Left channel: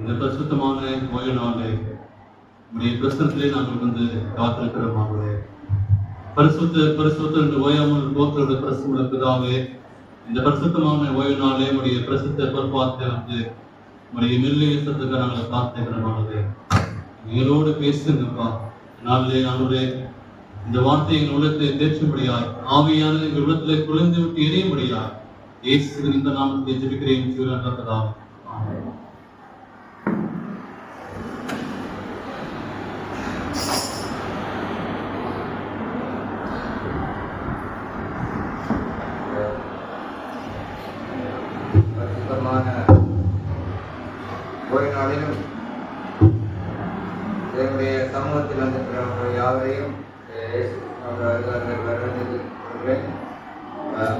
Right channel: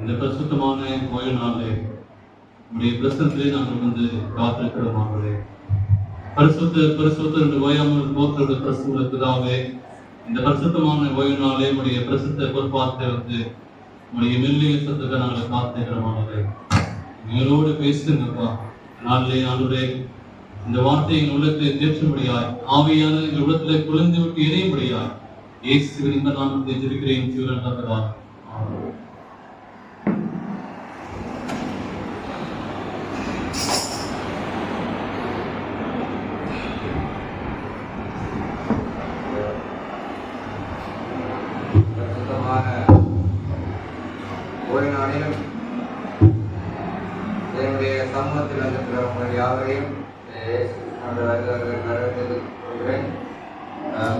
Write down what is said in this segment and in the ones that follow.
இந்த பரிசுத்தமான ஓய்வு நாளே உடைய பிரசனத்திலே நாங்கள் வந்து காத்திருக்கிறோமாகவே பரிசுத்த என்று ஓயாமல் போக்குறது பிரசுத்த பிதாவே, இந்த பரிசுத்தமான ஓய்வு நாளே உடைய பிரசுத்த பொறுப்பாத்தை வந்து உடைய மெல்லிய சத்துக்கு நாங்கள் காத்திருக்கிறோமாகவே எங்களோடு பேசுங்கப்பா. நாளிலே ஆண்டவரே இந்த வார்த்தை எங்கள் உள்ளத்திலே தேற்றும்படியாய் ஆவியானது எங்கள் உள்ளத்திலே குறைந்து விட்டு எரியும்படியாய் இயேசுவின் இந்த நாமத்தை ஜெபிக்கிறேன் ஜீவனற்ற பிதாவே. ஒரு நாளிலும் என்னுடைய சமூகத்தில் வந்திருக்கிறவங்க யாவரையும்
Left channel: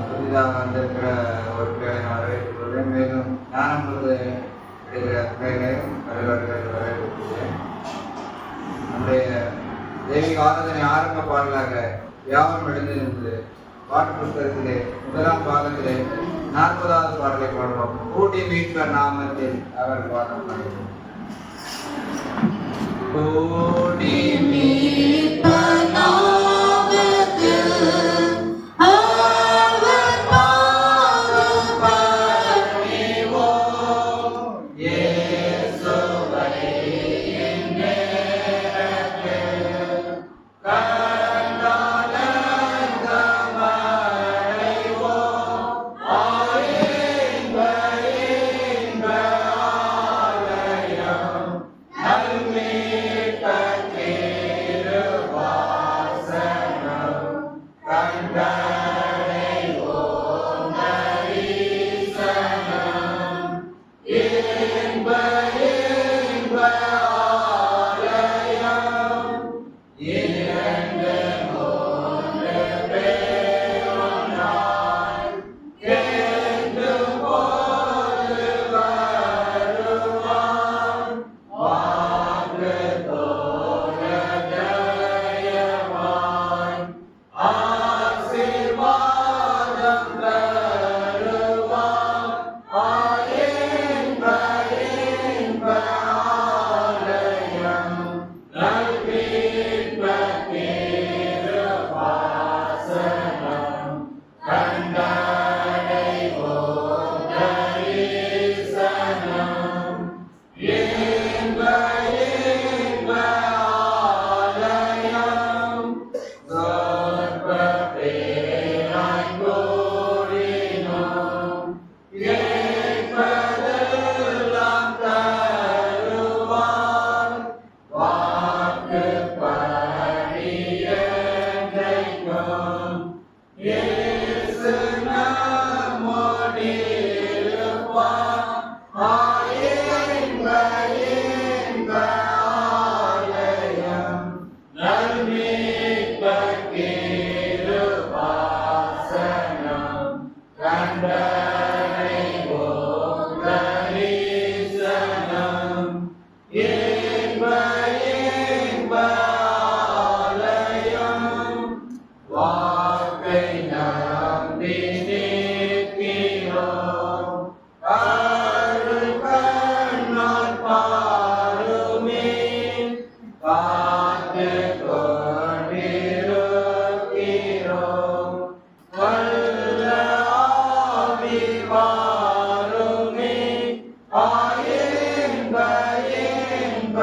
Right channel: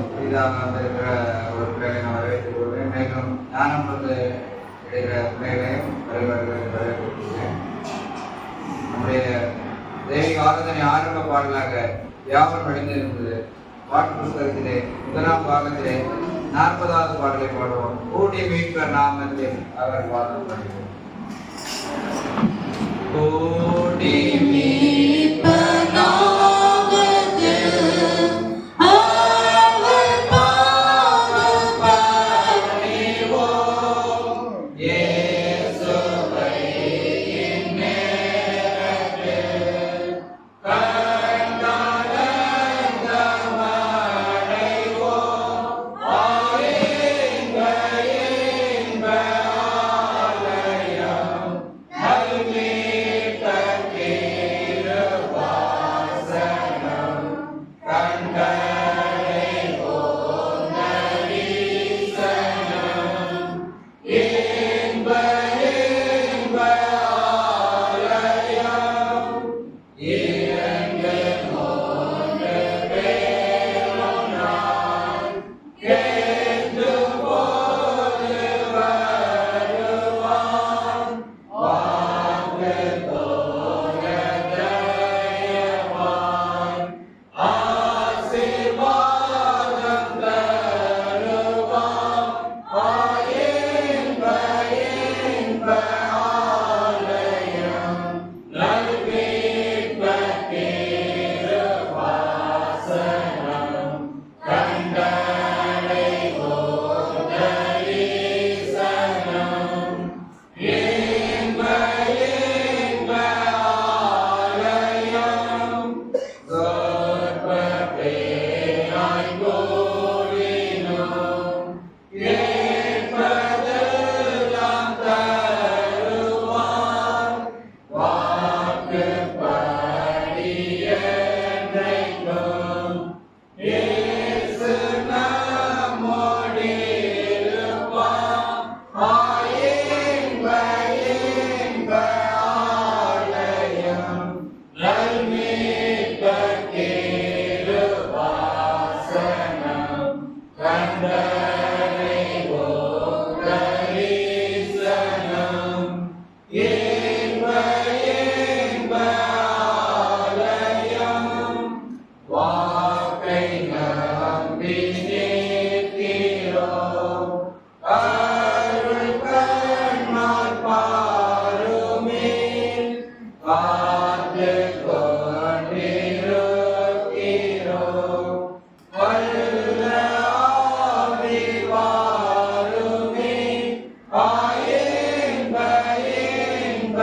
புதிதாக வந்திருக்கிற ஒரு பிள்ளைகளை நான் வரவேற்றுக் கொள்வேன். மேலும் ஞானம் பொழுது எடுக்கிற பிள்ளைகளையும் வரவேற்கிறேன். நம்முடைய தெய்வீக ஆராதனை ஆரம்ப பாடலாக யாவரும் எழுந்திருந்தது பாட்டு புத்தகத்திலே முதலாம் பாகத்திலே 40வது பாடலை பாடுவோம். கூட்டி மீட்பர் நாமத்தில் அவர் பாடம் பாடுவோம். கூட்டி மீட்பர் நாமத்தில் அவர் பாதம் பணிவோம். இயேசுவை இந்நேரத்தில் Yeah. இயேசு நம்மோடு இருப்பார். இன்ப இன்ப ஆலயம் நல்மீட்பர் கிருபாசனம் கண்டடைவோம் தரிசனம். இன்ப இன்ப ஆலயம் வாக்கை நம்பி நிற்கிறோம். அருள் கண்ணால் பாருமே காத்து கொண்டிருக்கிறோம். வல்ல ஆவி வாருமே இன்ப இன்ப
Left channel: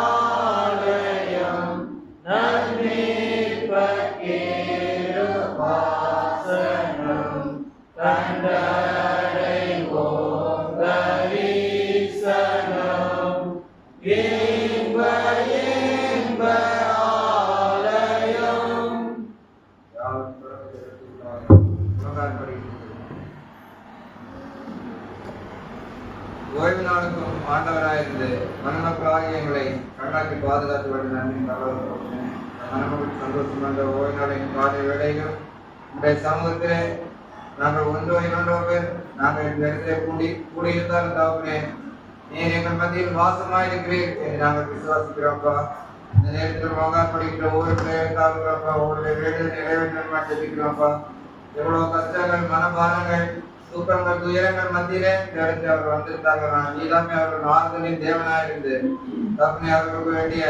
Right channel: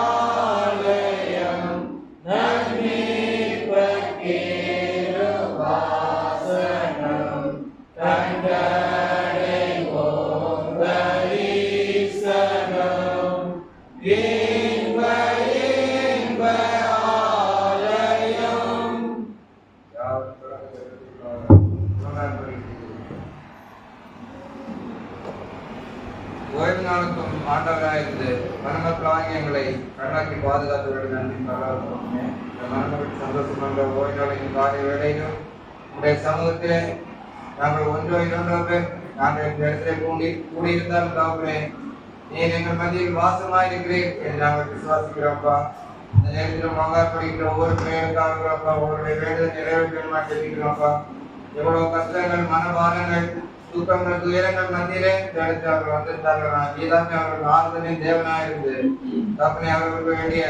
ஆலயம் நல்மீட்பர் கிருபாசனம் கண்டடைவோம் தரிசனம். இன்ப இன்ப ஆலயம். ஓய்வு நாளுக்கும் ஆண்டவராயிருந்து மணமக்களாகிய எங்களை கண்ணாக்கி பாதுகாத்து விட நன்றி பரவாயில்லை. இந்த மணமக்கள் சந்தோஷம் என்ற ஓய்வு நாளின் காலை வேளையிலும் உடைய சமூகத்திலே நாங்கள் ஒன்றோ இரண்டோ பேர் நாங்கள் இந்த இடத்திலே கூடியிருந்தாலும் தாவுமே நீர் எங்கள் மத்தியில் வாசமாயிருக்கிறீர் என்று நாங்கள் விசுவாசிக்கிறோம்ப்பா. இந்த நேரத்தில் மங்கார் படிக்கிற ஒவ்வொரு பிள்ளைகளுக்காகப்பா ஒவ்வொரு வேலை நிறைவேற்ற மாட்டேங்கிறோம்ப்பா. எவ்வளவு கஷ்டங்கள் மனபாரங்கள் தூக்கங்கள் துயரங்கள் மத்தியிலே தேடத்தை அவர்கள் வந்திருந்தார்கள். நீதாமே அவர்கள் ஆறுதலின் தேவனாயிருந்து தப்பனை அவர்களுக்கு வேண்டிய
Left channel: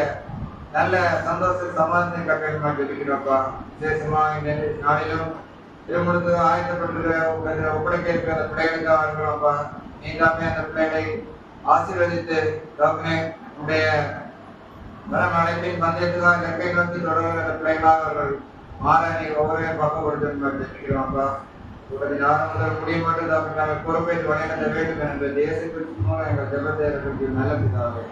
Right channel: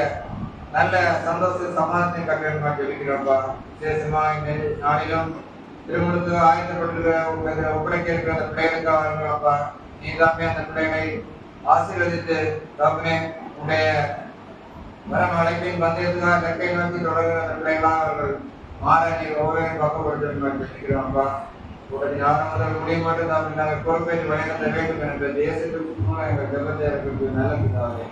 நல்ல சந்தோஷ சமாதானத்தை கட்டளை மாட்டிருக்கிறோம்ப்பா. விசேஷமா இந்த நாளிலும் திருமணத்து ஆயத்தப்பட்டு ஒப்படைக்க இருக்கிற அந்த பிள்ளைகளுக்காக இருக்கிறோம்ப்பா. நீதாமே அந்த பிள்ளைகளை ஆசீர்வதித்து தப்பனே உடைய வரம் அழைப்பின் பந்தயத்துக்காக கற்கை நோக்கி தொடர்கிற அந்த பிள்ளைகளாக அவர்கள் மாற நீர் ஒவ்வொரு பக்கப்படுத்துகிறோம்ப்பா. உடனே யாரும் முதல் முடிய மாட்டது அப்படி நாங்கள் பொறுப்பேற்று வழிநடத்த வேண்டும் என்ற தேசத்திற்கு மூலம் எங்கள் ஜெபத்தை இருக்கிறது நல்ல பிதாவே.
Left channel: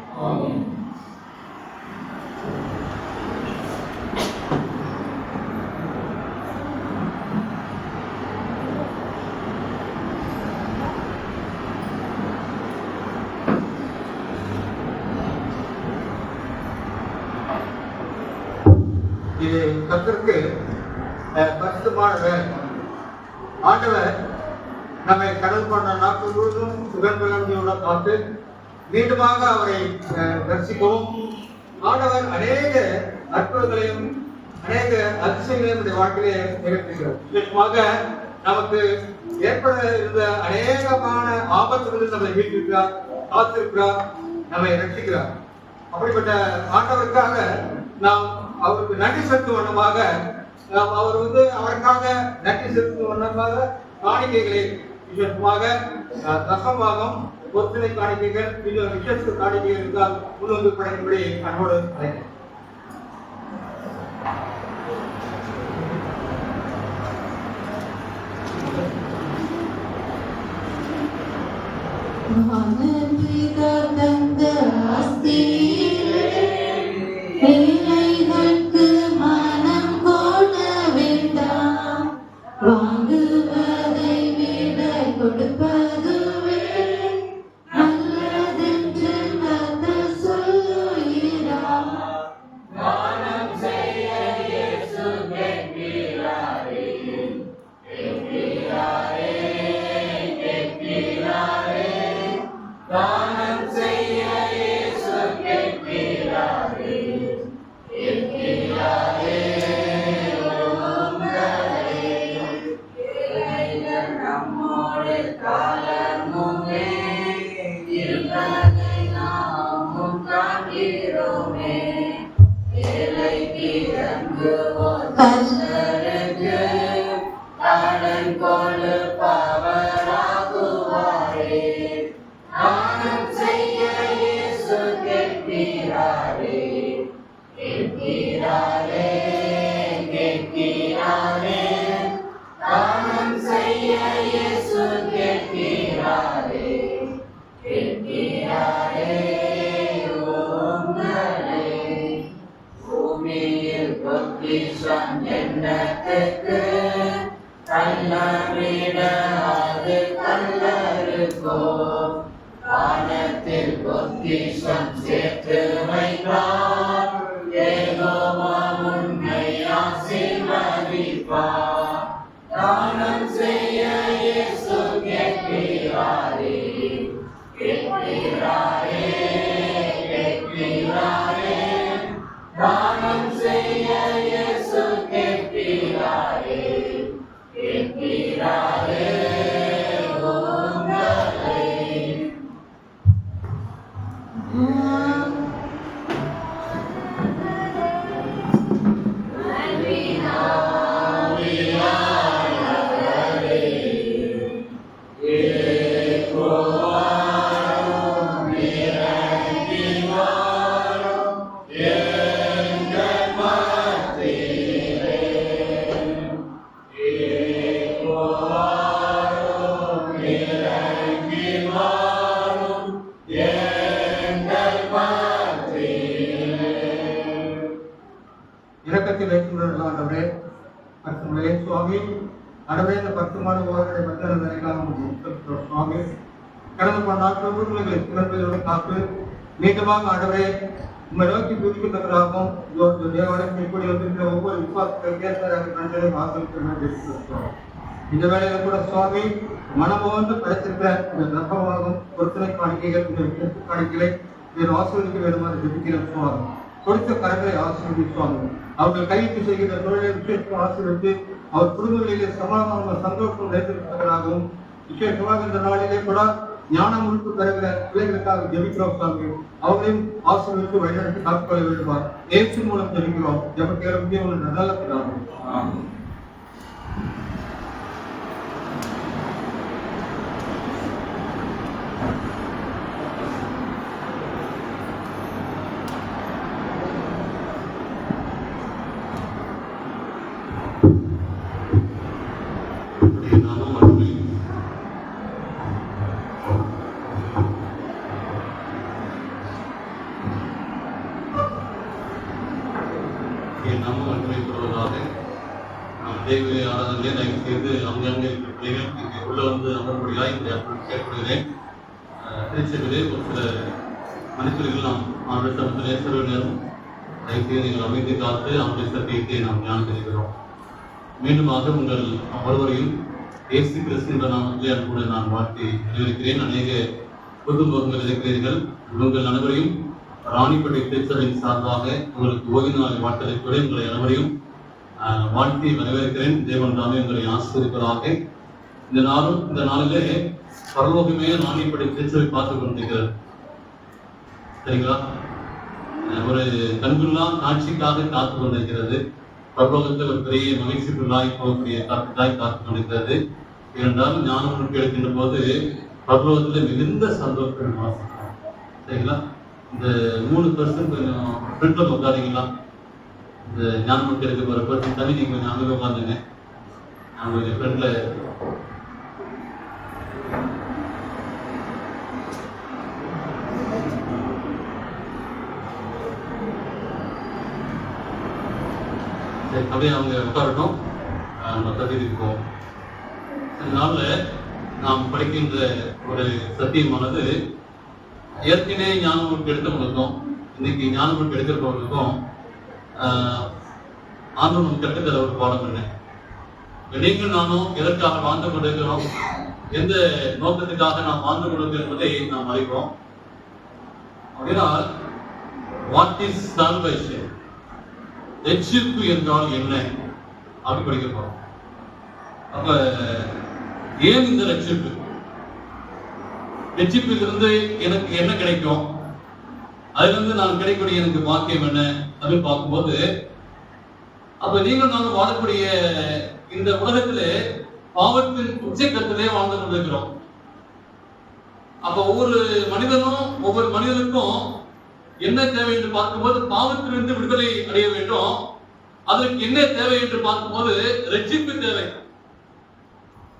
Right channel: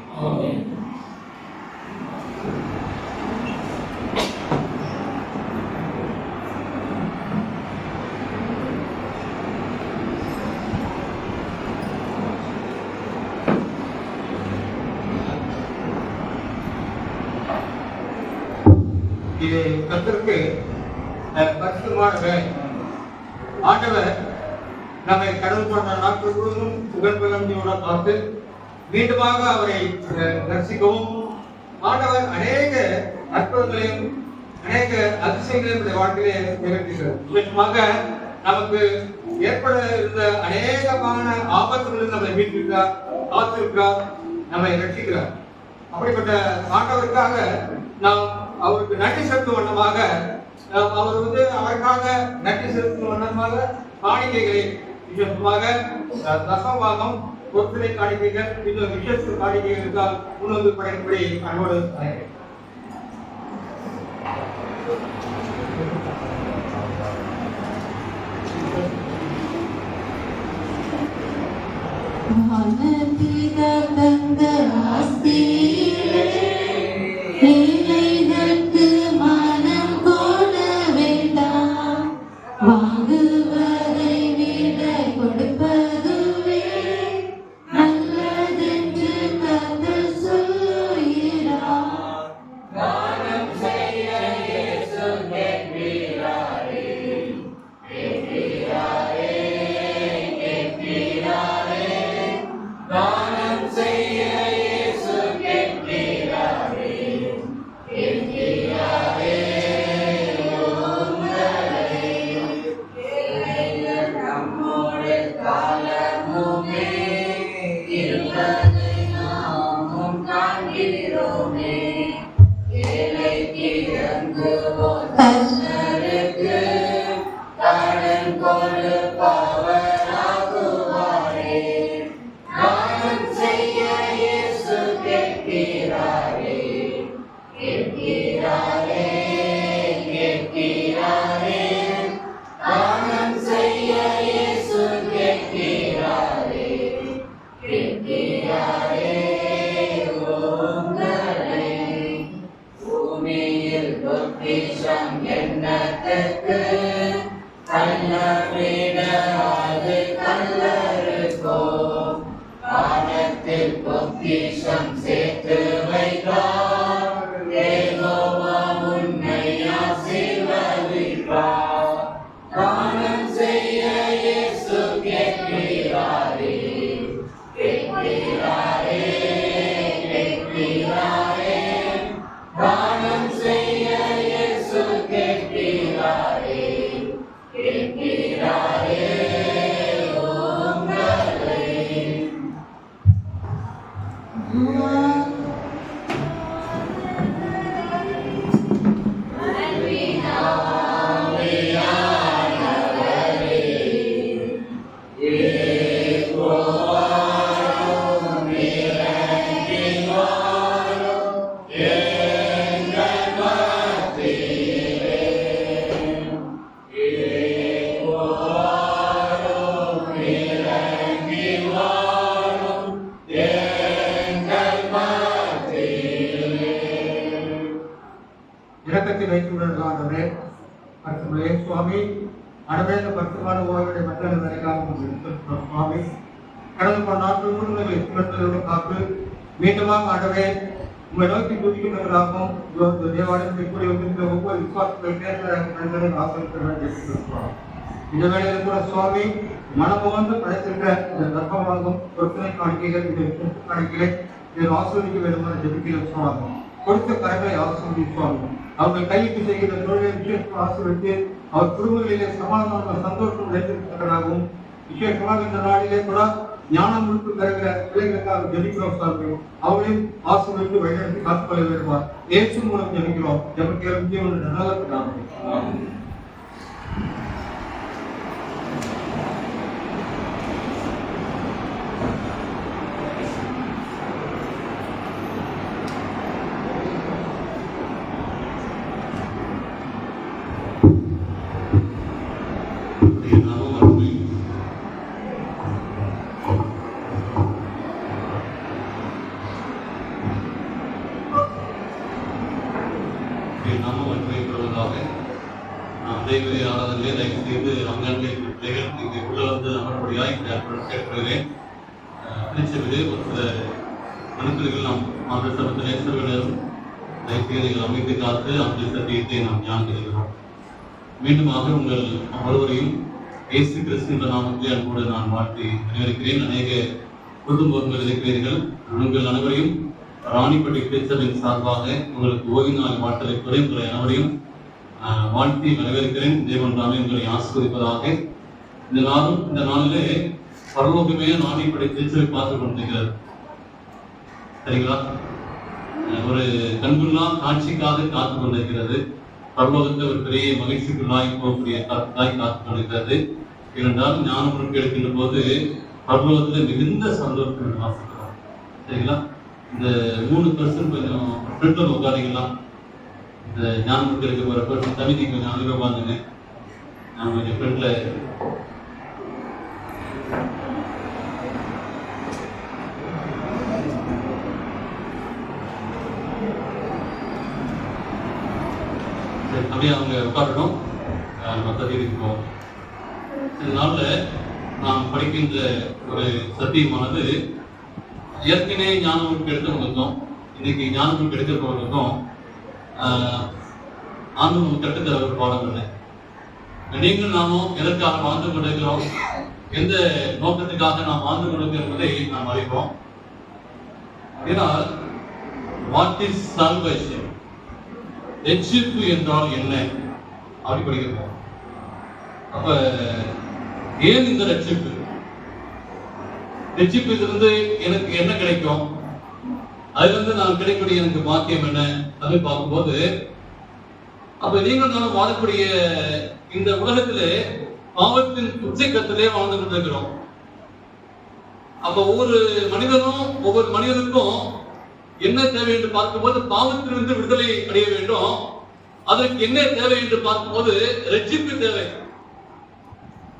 இது கர்த்தருக்கு பரிசுத்தமான வேலை. ஆண்டவர் நம்மை கடல் போன்ற நாட்கள் முழுவதும் புகழ்பெருமையோட பார்த்து மீண்டுமாக அவரை தரிசிக்கவும் ஆண்டவர் அநேக அற்புதங்களையும் அநேக அதிசயங்களையும் இந்த வாழ்க்கையிலே நிகழ்த்துகிறார். விசேஷமாக நமக்கு ஏற்பட இருந்த அநேகமான ஆபத்துகளில் நம்மை மீட்டிருக்கிறார், காத்திருக்கிறார், நம்மை ரட்சிக்கிறார். அப்படிப்பட்ட ஆண்டவருக்காக நாம் அவருக்கு நன்றி செலுத்தும் வண்ணமாக அவர் அவருக்காக நன்றி செலுத்தும் வண்ணமாக காணிக்கைகளை விசேஷமாக தசபாகம் பொருட்களை காணிக்கைகள் இன்னும் விசேஷ காணிக்கைகளுக்கால் முன்வந்து படைக்கும்படி அன்போடு அழைக்கிறேன். ஏழைகளுக்கு மனம் போட வேண்டாம், வாங்குவதை விட கொடுப்பதுவே நல்லதென்று கர்த்தர் சொல்கிறார். தானம் செய்ய இயேசு கேட்கிறாரே, கேட்கிறாரே, கேட்கிறாரே. தானம் செய்ய இயேசு கேட்கிறாரே, கேட்கிறாரே. உங்களை ஏழைகள் நம்மோடு காலமுமே இருப்பதை நாமும் காண்கிறோமே. ஏழைக்கு இறங்குவோர் கர்த்தருக்கு கடன் கொடுப்பவராகுவாரே. தானம் செய்ய இயேசு கேட்கிறாரே, கேட்கிறாரே, கேட்கிறாரே. தானம் செய்ய இயேசு கேட்கிறாரே, கேட்கிறாரே. உங்களை பூமியில் பொக்கிஷம் எண்ணத்துக்கு கள்ளவிட அது கல்லறுக்கோ வானத்தில் பொக்கிஷம் சேர்த்து வைத்தார் யெகோவா உன்னை ஆசீர்வதிப்பார் தானம் செய்ய இயேசு கேட்கிறாரே கேட்கிறாரே கேட்கிறாரே தானம் செய்ய இயேசு கேட்கிறாரே கேட்கிறாரே உங்களை இரக்கத்தில் வைத்துள்ள ஆண்டவரே பரிசுத்தமுள்ள சுவாமி அடவே இந்த பரிசுத்தமான ஓய்வுடைய மத்தியில் நினைக்காம சுவாமி கடந்த பல நாட்கள் முழுவதும் எங்களை காத்து மீண்டுமாக அடவே உங்களை நோக்கி துதிக்கின்றவர்களாகவும் தேவாலயத்தை கூடி வந்திருக்கிற ஒவ்வொரு விசுவாசங்களுக்கு நன்றி வாக்களிக்கிறோம். இந்த வேளையில கூட சுவாமி மனமோந்து படைத்திருக்கிற இந்த நற்பமானதும் பொருத்தனை காணிக்கைகள் இந்த விசேஷ காணிக்கைகளை இதில் ஆசிர்வதிக்க வேண்டுமாறு ஜெபிக்கிற சுவாமி கொடுத்த கரங்களை ஆசீர்வதிப்பாங்க. அவர்கள் கையிட்டு செய்கிற தொழிலை விசேஷமாக ஆசீர்வதித்து அவர் குடும்பங்களிலே சமாதான சந்தோஷம் வைத்திருப்பவர்களாகவும் விசேஷமாக இந்த நாளிலே கூட ஞானம் முழுப்பு பெறுகிற பிள்ளைகளுக்காக ஜெபிக்கிறோம் சுவாமி. அவர்களையும் ஆசீர்வதித்து வழிநடத்தி காத்துக்கொள்ள வேண்டுமாறு ஏற்று மூலம் ஜெபிக்கிறோம். எமக்கு நல்ல பிதாவே. அமைத்து காத்து அவருடைய சத்தியத்தை நாம் தியானம் செய்கிறோம். மீண்டுமாக உங்கள் ஒருவரையும் இயேசு கிறிஸ்து என்ற நாமத்திலே அன்போடு நான் வாழ்த்தி வரவேற்கிறேன். அநேக குடும்பங்கள் இருக்கிறீர்கள். உங்கள் அனைவரையும் ராணிப்பேட்டை திருச்சபையின் சார்பாக உங்களுக்கு ஓய்வு நாள் வாழ்த்தலை கூட உங்களை அனைவரையும் வாழ்த்தி வரவேற்கிறேன். தேவன் தாமே உங்களை ஆசீர்வதிப்பதாக. இந்த நாளிலே பரலோகமே ராணிப்பேட்டை திருச்சபை பார்த்துக் கொண்டிருக்கிறது. சரிங்களா? ஒரு கண்குள்ளா காட்சிக்காக காத்து கொண்டிருக்கிறது. பரலோகத்தில் ஒரு பெரிய மகிழ்ச்சிக்குள்ளாய் போகக்கூடிய கருத்தாய் காத்து கொண்டிருக்கிறது. ஏனென்றால் ஞானம் முழுக்க எடுக்கின்ற போது பரலோகத்தில் மிகுந்த சந்தோஷம் வாசிக்கிறோம். சரிங்களா? இந்த 3% கொஞ்சம் ஃப்ரெண்ட்ல உட்காரிங்களா? இந்த ஞானம் முழுக்க எடுக்க போகிற பர்சன் தனிக்கு கொஞ்சம் அங்கே உட்காந்துங்க. நான் கொஞ்சம் ஃப்ரெண்ட்ல அப்படியே அவங்க உட்காரட்டும். மற்றதுக்கு போவோம். இதனால நாம் படிக்கின்ற ஒரு சத்தியமானது ஏற்கனவே ஞானம் எடுத்தவங்களுக்கும் இன்னைக்கு ஞானம் எடுக்கிறவங்களுக்கும் ஆண்டும் நமக்கு கற்றுத்தர ஒரு பாடம் இல்லை. நீங்கள் நானும் எதற்காக வாழ்ந்து கொண்டிருக்கிறோம், எந்த நோக்கத்துக்காக நாம் வாழ்ந்து கொண்டிருக்கிறோம் என்பதை நாம் அறிவோம். வாட் இஸ் சால்வேஷன், ரட்சிப்பு என்றால் என்ன அப்படி படிக்கிறோம். அப்ப ஏன் இந்த ரட்சிப்பு, ரட்சிப்பிலிருந்து எனக்கு என்ன கிடைக்கும், அதிலிருந்து நான் கிடைக்கக்கூடிய எனக்கு பாக்கியம் என்ன அப்படின்னு பார்க்கும்போது, அப்ப நீங்கள் நானும் வாழக்கூடிய இந்த உலகத்திலே பாவத்தின் உச்சக்கத்திலே வாழ்ந்து கொண்டிருக்கிறோம். அப்ப ஒவ்வொரு மனிதனுக்கும் என்ன தேவை என்று பார்க்கும்போது பாவத்திலிருந்து விடுதலை அடைய வேண்டும். அதற்கு என்ன தேவை என்று பார்க்கும்போது ரட்சிப்பு தேவை.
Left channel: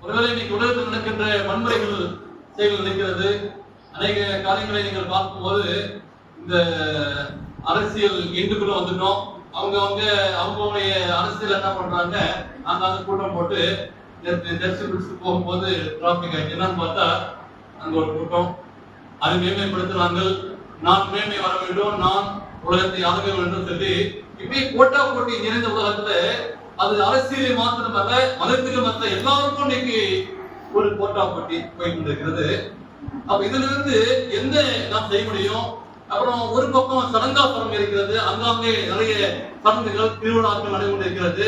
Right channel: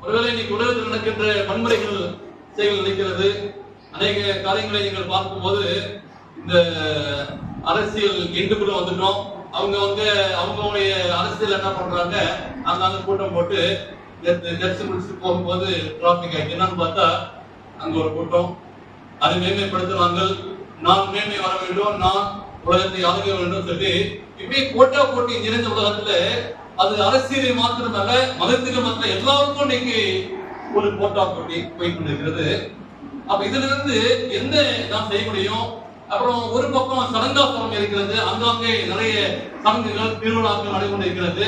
ஒருவேளை இன்னைக்கு உலகத்தில் நடக்கின்ற வன்முறைகள் செயல் நினைக்கிறது, அநேக காரியங்களை நீங்கள் பார்க்கும்போது இந்த அரசியல் எண்டுக்குள்ள வந்துட்டோம். அவங்களுடைய அரசியல் என்ன பண்றாங்க, அங்க கூட்டம் போட்டு நேற்று சர்ச்சு முடிச்சுட்டு போகும்போது டிராபிக் ஆயிடுச்சு. என்னன்னு பார்த்தா அங்க ஒரு கூட்டம், அதை மேன்மைப்படுத்தினாங்க. நான் மேன்மை வர வேண்டும், நான் உலகத்தை ஆக வேண்டும் சொல்லி இப்படி போட்டா போட்டி நிறைந்த உலகத்துல அது அரசியலை மாத்திரமல்ல, மதத்துக்கு மற்ற எல்லாருக்கும் இன்னைக்கு ஒரு போட்டா போட்டி போய் கொண்டிருக்கிறது. அப்ப இதுல இருந்து என்ன நாம் செய்ய முடியும்? அப்புறம் ஒரு பக்கம் சடங்காசனம் இருக்கிறது, அங்காங்கே நிறைய பங்குகள் திருவிழாக்கள் நடைபெற்றிருக்கிறது,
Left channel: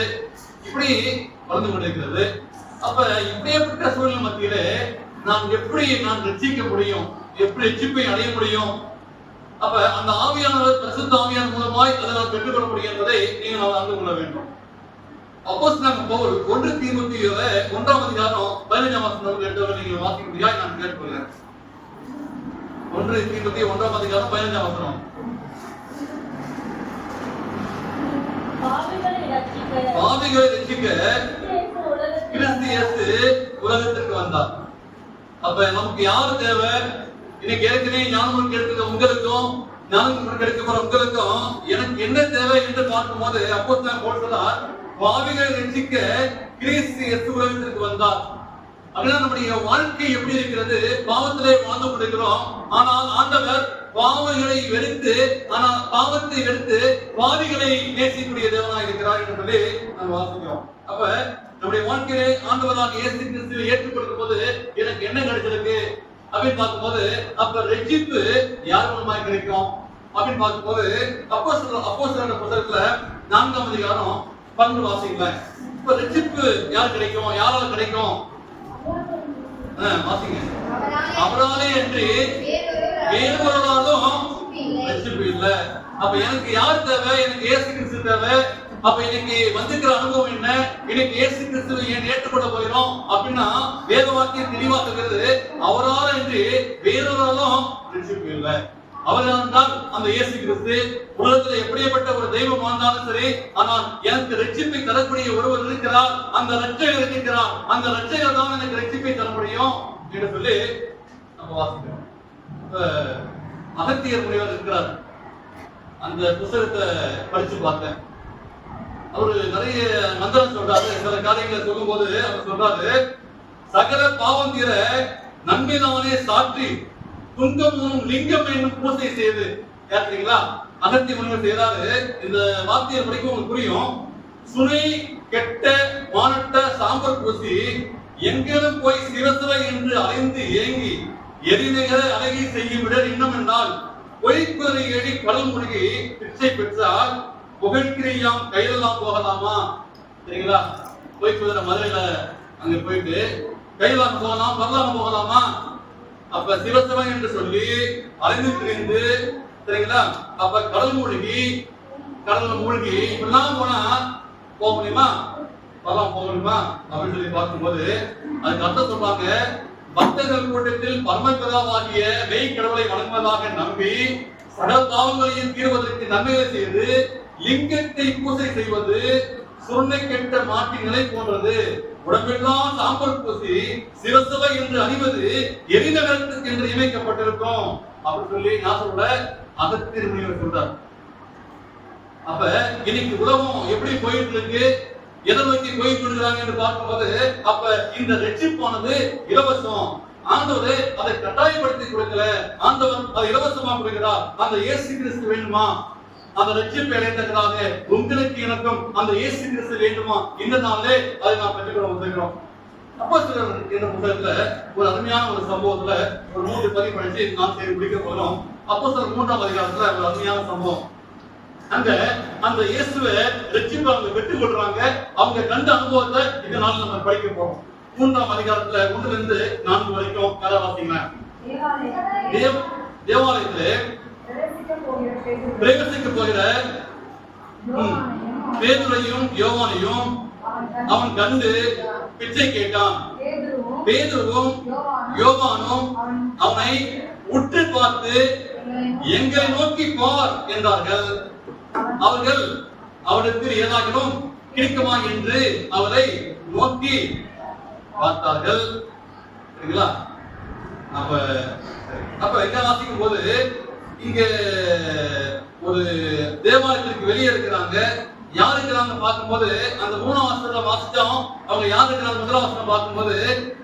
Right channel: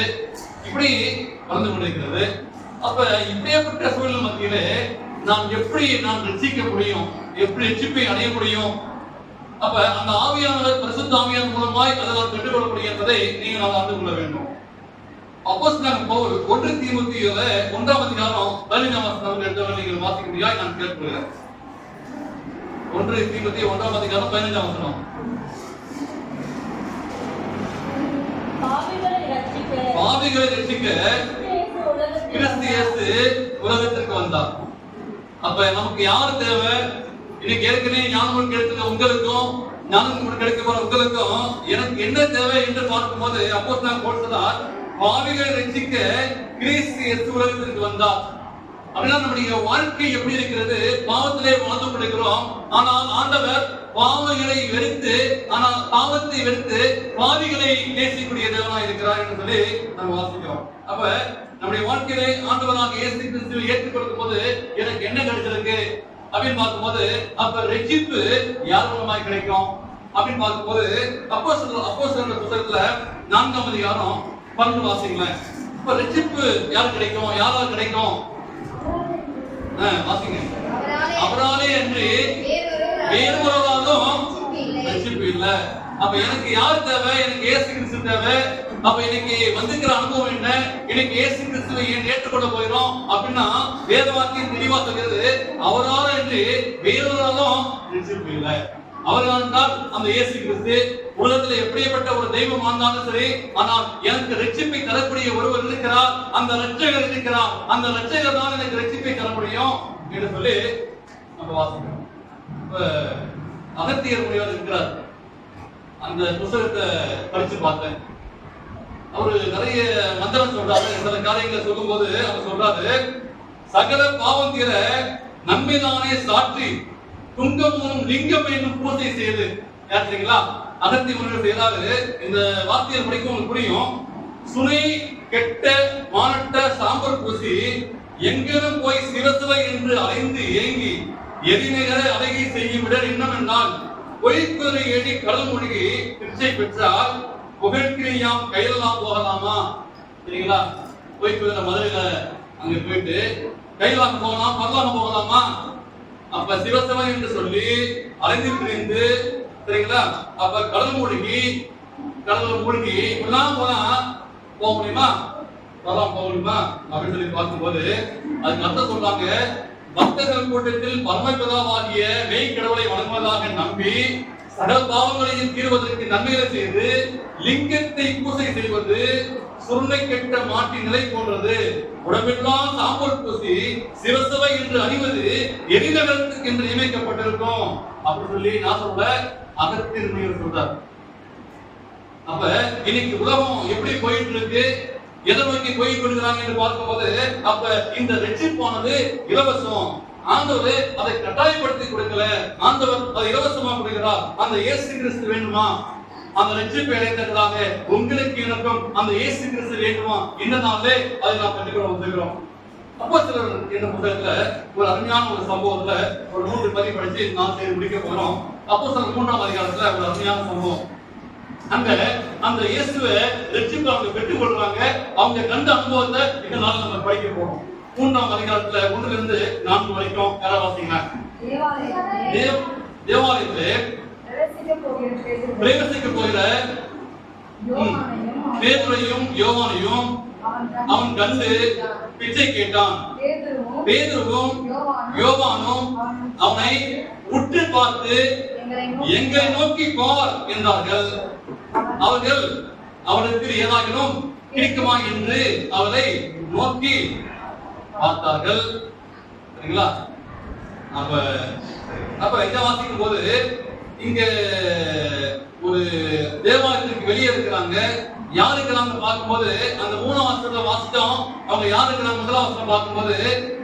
இப்படி வளர்ந்து கொண்டிருக்கிறது. அப்ப இப்படியேப்பட்ட சூழ்நிலை மத்தியில நாம் எப்படி ரட்சிக்க முடியும், எப்படி ரட்சிப்பை அடைய முடியும்? அப்ப அந்த ஆவியானவர் பரிசுத்த ஆவியானவர் மூலமாய் அதனால் பெற்றுக்கொள்ள முடியும் என்பதை நீங்கள் அறிந்து கொள்ள வேண்டும். அப்போஸ்தலனாகிய பவுல் 1 தீமோத்தேயு 1ஆம் அதிகாரம் 15ஆம் வசனத்தை எடுத்து நீங்கள் வாசிக்கும்படியாய் நான் கேட்டுக்கொள்கிறேன். 1 தீமோத்தேயு 1ஆம் அதிகாரம் 15ஆம் வசனம். பாவிகளை ரட்சிக்க கிறிஸ்து இயேசு உலகத்திற்கு வந்தார். அப்ப நமக்கு யாரு தேவை? இன்னைக்கு ஏற்கனவே ஞானம் கிடைத்த உங்களுக்கும் ஞானம் கிடைக்க போற உங்களுக்கும் எனக்கு என்ன தேவை என்று பார்க்கும்போது அப்போஸ்தலன் பவுல் சொல்றார், பாவிகளை ரட்சிக்க கிறிஸ்து இயேசு உலகத்திற்கு வந்தார். அப்படின்னா நம்முடைய வாழ்க்கை எப்படி இருக்கிறது? பாவத்திலே வாழ்ந்து கொண்டிருக்கிறோம். ஆனால் ஆண்டவர் பாவங்களை வெறுத்து, ஆனால் பாவத்தை வெறுத்து பாவிகளை நேசிக்கக்கூடிய தேவனாய் இருக்கிறார் என்று சொல்லி நம்ம வாசிக்கிறோம். அப்ப நம்முடைய வாழ்க்கையை ஆண்டவராக இயேசு கிறிஸ்துவை ஏற்றுக்கொள்ளும் போது எனக்கு என்ன கிடைச்சிருக்கு அப்படின்னு பார்க்கும்போது, அப்ப ரட்சிப்பு யார் மூலமாய் கிடைக்கும் அப்படின்னு பார்க்கும்போது அப்போஸ்தலர் புத்தகத்துல 4ஆம் அதிகாரம் 12 வாசிங்களேன். இப்ப ரட்சிப்பு யார் கிடைக்கும், யாரால் கிடைக்கும்? வாசிங்க. அவராலே அன்றி வேறொருவராலும் ரட்சிப்பு இல்ல. அப்ப எனக்கு யார் தேவை? எனக்கு இயேசு கிறிஸ்து தேவை. அப்ப இன்னைக்கு வந்துக்கிற அனுபவம் என்ன? இன்னைக்கு இயேசு கிறிஸ்துவை ஏன் ஏற்றுக்கொள்ள போகிறோம் அப்படின்னா வேத வாக்கியம் தெளிவா சொல்கிறது, அவரால் அன்றி வேறொருவராலும் ரட்சிப்பு இல்ல. அவரால் தான் அந்த இயேசு கிறிஸ்து உலகத்தில் எப்படிப்பட்ட ஒரு தெய்வம் வாழ்ந்தாலும் சரி, ஆனால் எனக்கு ரட்சிப்பை தரக்கூடிய ஒருவர் இருக்கிறார், அந்த ரட்சகர் இருக்கிறார், அந்த ரட்சகர் தான் எனக்கு ரட்சிப்பை தர முடியும் என்று சொல்லி நம்ம வாசிக்கிறோம். இப்ப அகத்தியர் முனிவர் இருக்கிறார். அந்த புத்தகத்தை படிச்சு பார்த்தேன். அவரு நிறைய நந்தனம் சொல்றாரு. சில காரியங்களை சொல்லும் போது அவர் சொல்றாரு, சகல பாவம் தீர நன்மைதானே சாற்றி துங்கமும் லிங்கம் என்னும் பூசை செய்து. கேட்டீங்களா? அகத்தி முனிவர் செய்தாரு. இந்த வார்த்தையை படிக்கும் உங்களுக்கு புரியும். சுனை கெட்ட வானட்ட சாம்பல் பூசி எங்கேனும் போய் சிரசுவ என்று அலைந்து ஏங்கி எரிநகரை அழகை செய்யும் விட இன்னும் என்னால் பொய்க்குறை ஏடி கடல் மூழ்கி பிச்சை பெற்றால் புகழ்கிரியாம் கையிலாம் போகலாமா? சரிங்களா? பொய்க்குதிரை மதுரையில அங்க போயிட்டு கையிலாம் போகலாம், பரலாம போகலாமா? அப்ப சிவசிவன் என்று சொல்லி அலைந்து திரிந்து, சரிங்களா? அப்ப கடல் மூழ்கி இப்படிலாம் போனா போக முடியுமா? வரலாம் போக முடியுமா அப்படின்னு சொல்லி பார்க்கும்போது அதுக்கு அர்த்தம் சொல்றாங்க, பக்தர்கள் கூட்டத்தில் பரமபிதாவாகிய மெய் கடவுளை வணங்குவதாக நம்பி சகல பாவங்களையும் தீர்வதற்கு நன்மைகளை செய்து லிங்கத்தை பூசை செய்வது சுருண்டை கெட்ட மாட்டின் நிலை போன்றது. உடம்பெல்லாம் சாம்பல் பூசி சிவசபை என்று அணிவது எரிநகரத்துக்கு என்று நியமிக்கப்பட்டிருக்கும் அப்படின்னு சொல்லி நாசோட அகத்தியர் சொல்றார். அப்ப இன்னைக்கு உலகம் எப்படி போயிட்டு இருக்கு, எதை நோக்கி போய் கொள்கிறாங்க என்று பார்க்கும்போது, அப்ப இந்த ரட்சிப்பானது இலவசம். ஆண்டவர் அதை கட்டாயப்படுத்தி கொடுக்கல, ஆண்டவர் அதை இலவசமா கொடுக்கிறார். அந்த இயேசு கிறிஸ்து வேண்டுமா? அந்த ரட்சிப்பை அடைந்ததாக உங்களுக்கு எனக்கும் அந்த இயேசு கிறிஸ்து வேண்டுமா? இந்த நாளே அதை நாம் பெற்றுக்கொள்ள வந்திருக்கிறோம். அப்போஸ்தலர் என்ற புத்தகத்துல ஒரு அருமையான ஒரு சம்பவத்துல ஒரு 3 பதிவு படிச்சு நான் சரி முடிக்க போறோம். அப்போஸ்தலர் 3ஆம் அதிகாரத்துல ஒரு அருமையான சம்பவம். அந்த இயேசுவை ரட்சிப்பு அவங்க பெற்றுக் கொள்றாங்க. அவங்க கண்ட அனுபவத்தை இந்த நாள் நம்ம படிக்க போறோம். 3ஆம் அதிகாரத்துல 1லிருந்து 4 வரைக்கும் கதை வாசிங்க. தேவாலயத்திலே பிரவேசிக்க போகிற பேதுருவையும் யோவானையும் அவன் கண்டு பிச்சை கேட்டான். பேதுருவும் யோவானும் அவனை உற்று பார்த்து எங்களை நோக்கி பார் என்றார்கள். அவர்கள் அவருக்கு ஏதாகிலும் கிடைக்குமா என்று அவரை நோக்கி பார்த்தார்கள். சரிங்களா? அப்ப என்ன வாசிக்கும் போது இங்க ஒரு தேவாலயத்துக்கு வெளியே இருக்கிறாங்க. யார் இருக்கிறாங்க பார்க்கும்போது அந்த 3ஆம் வசனத்துல வாசிச்சோம். அவங்க யார் இருக்கிறாங்க? 1ஆம் வசனம் பார்க்கும்போது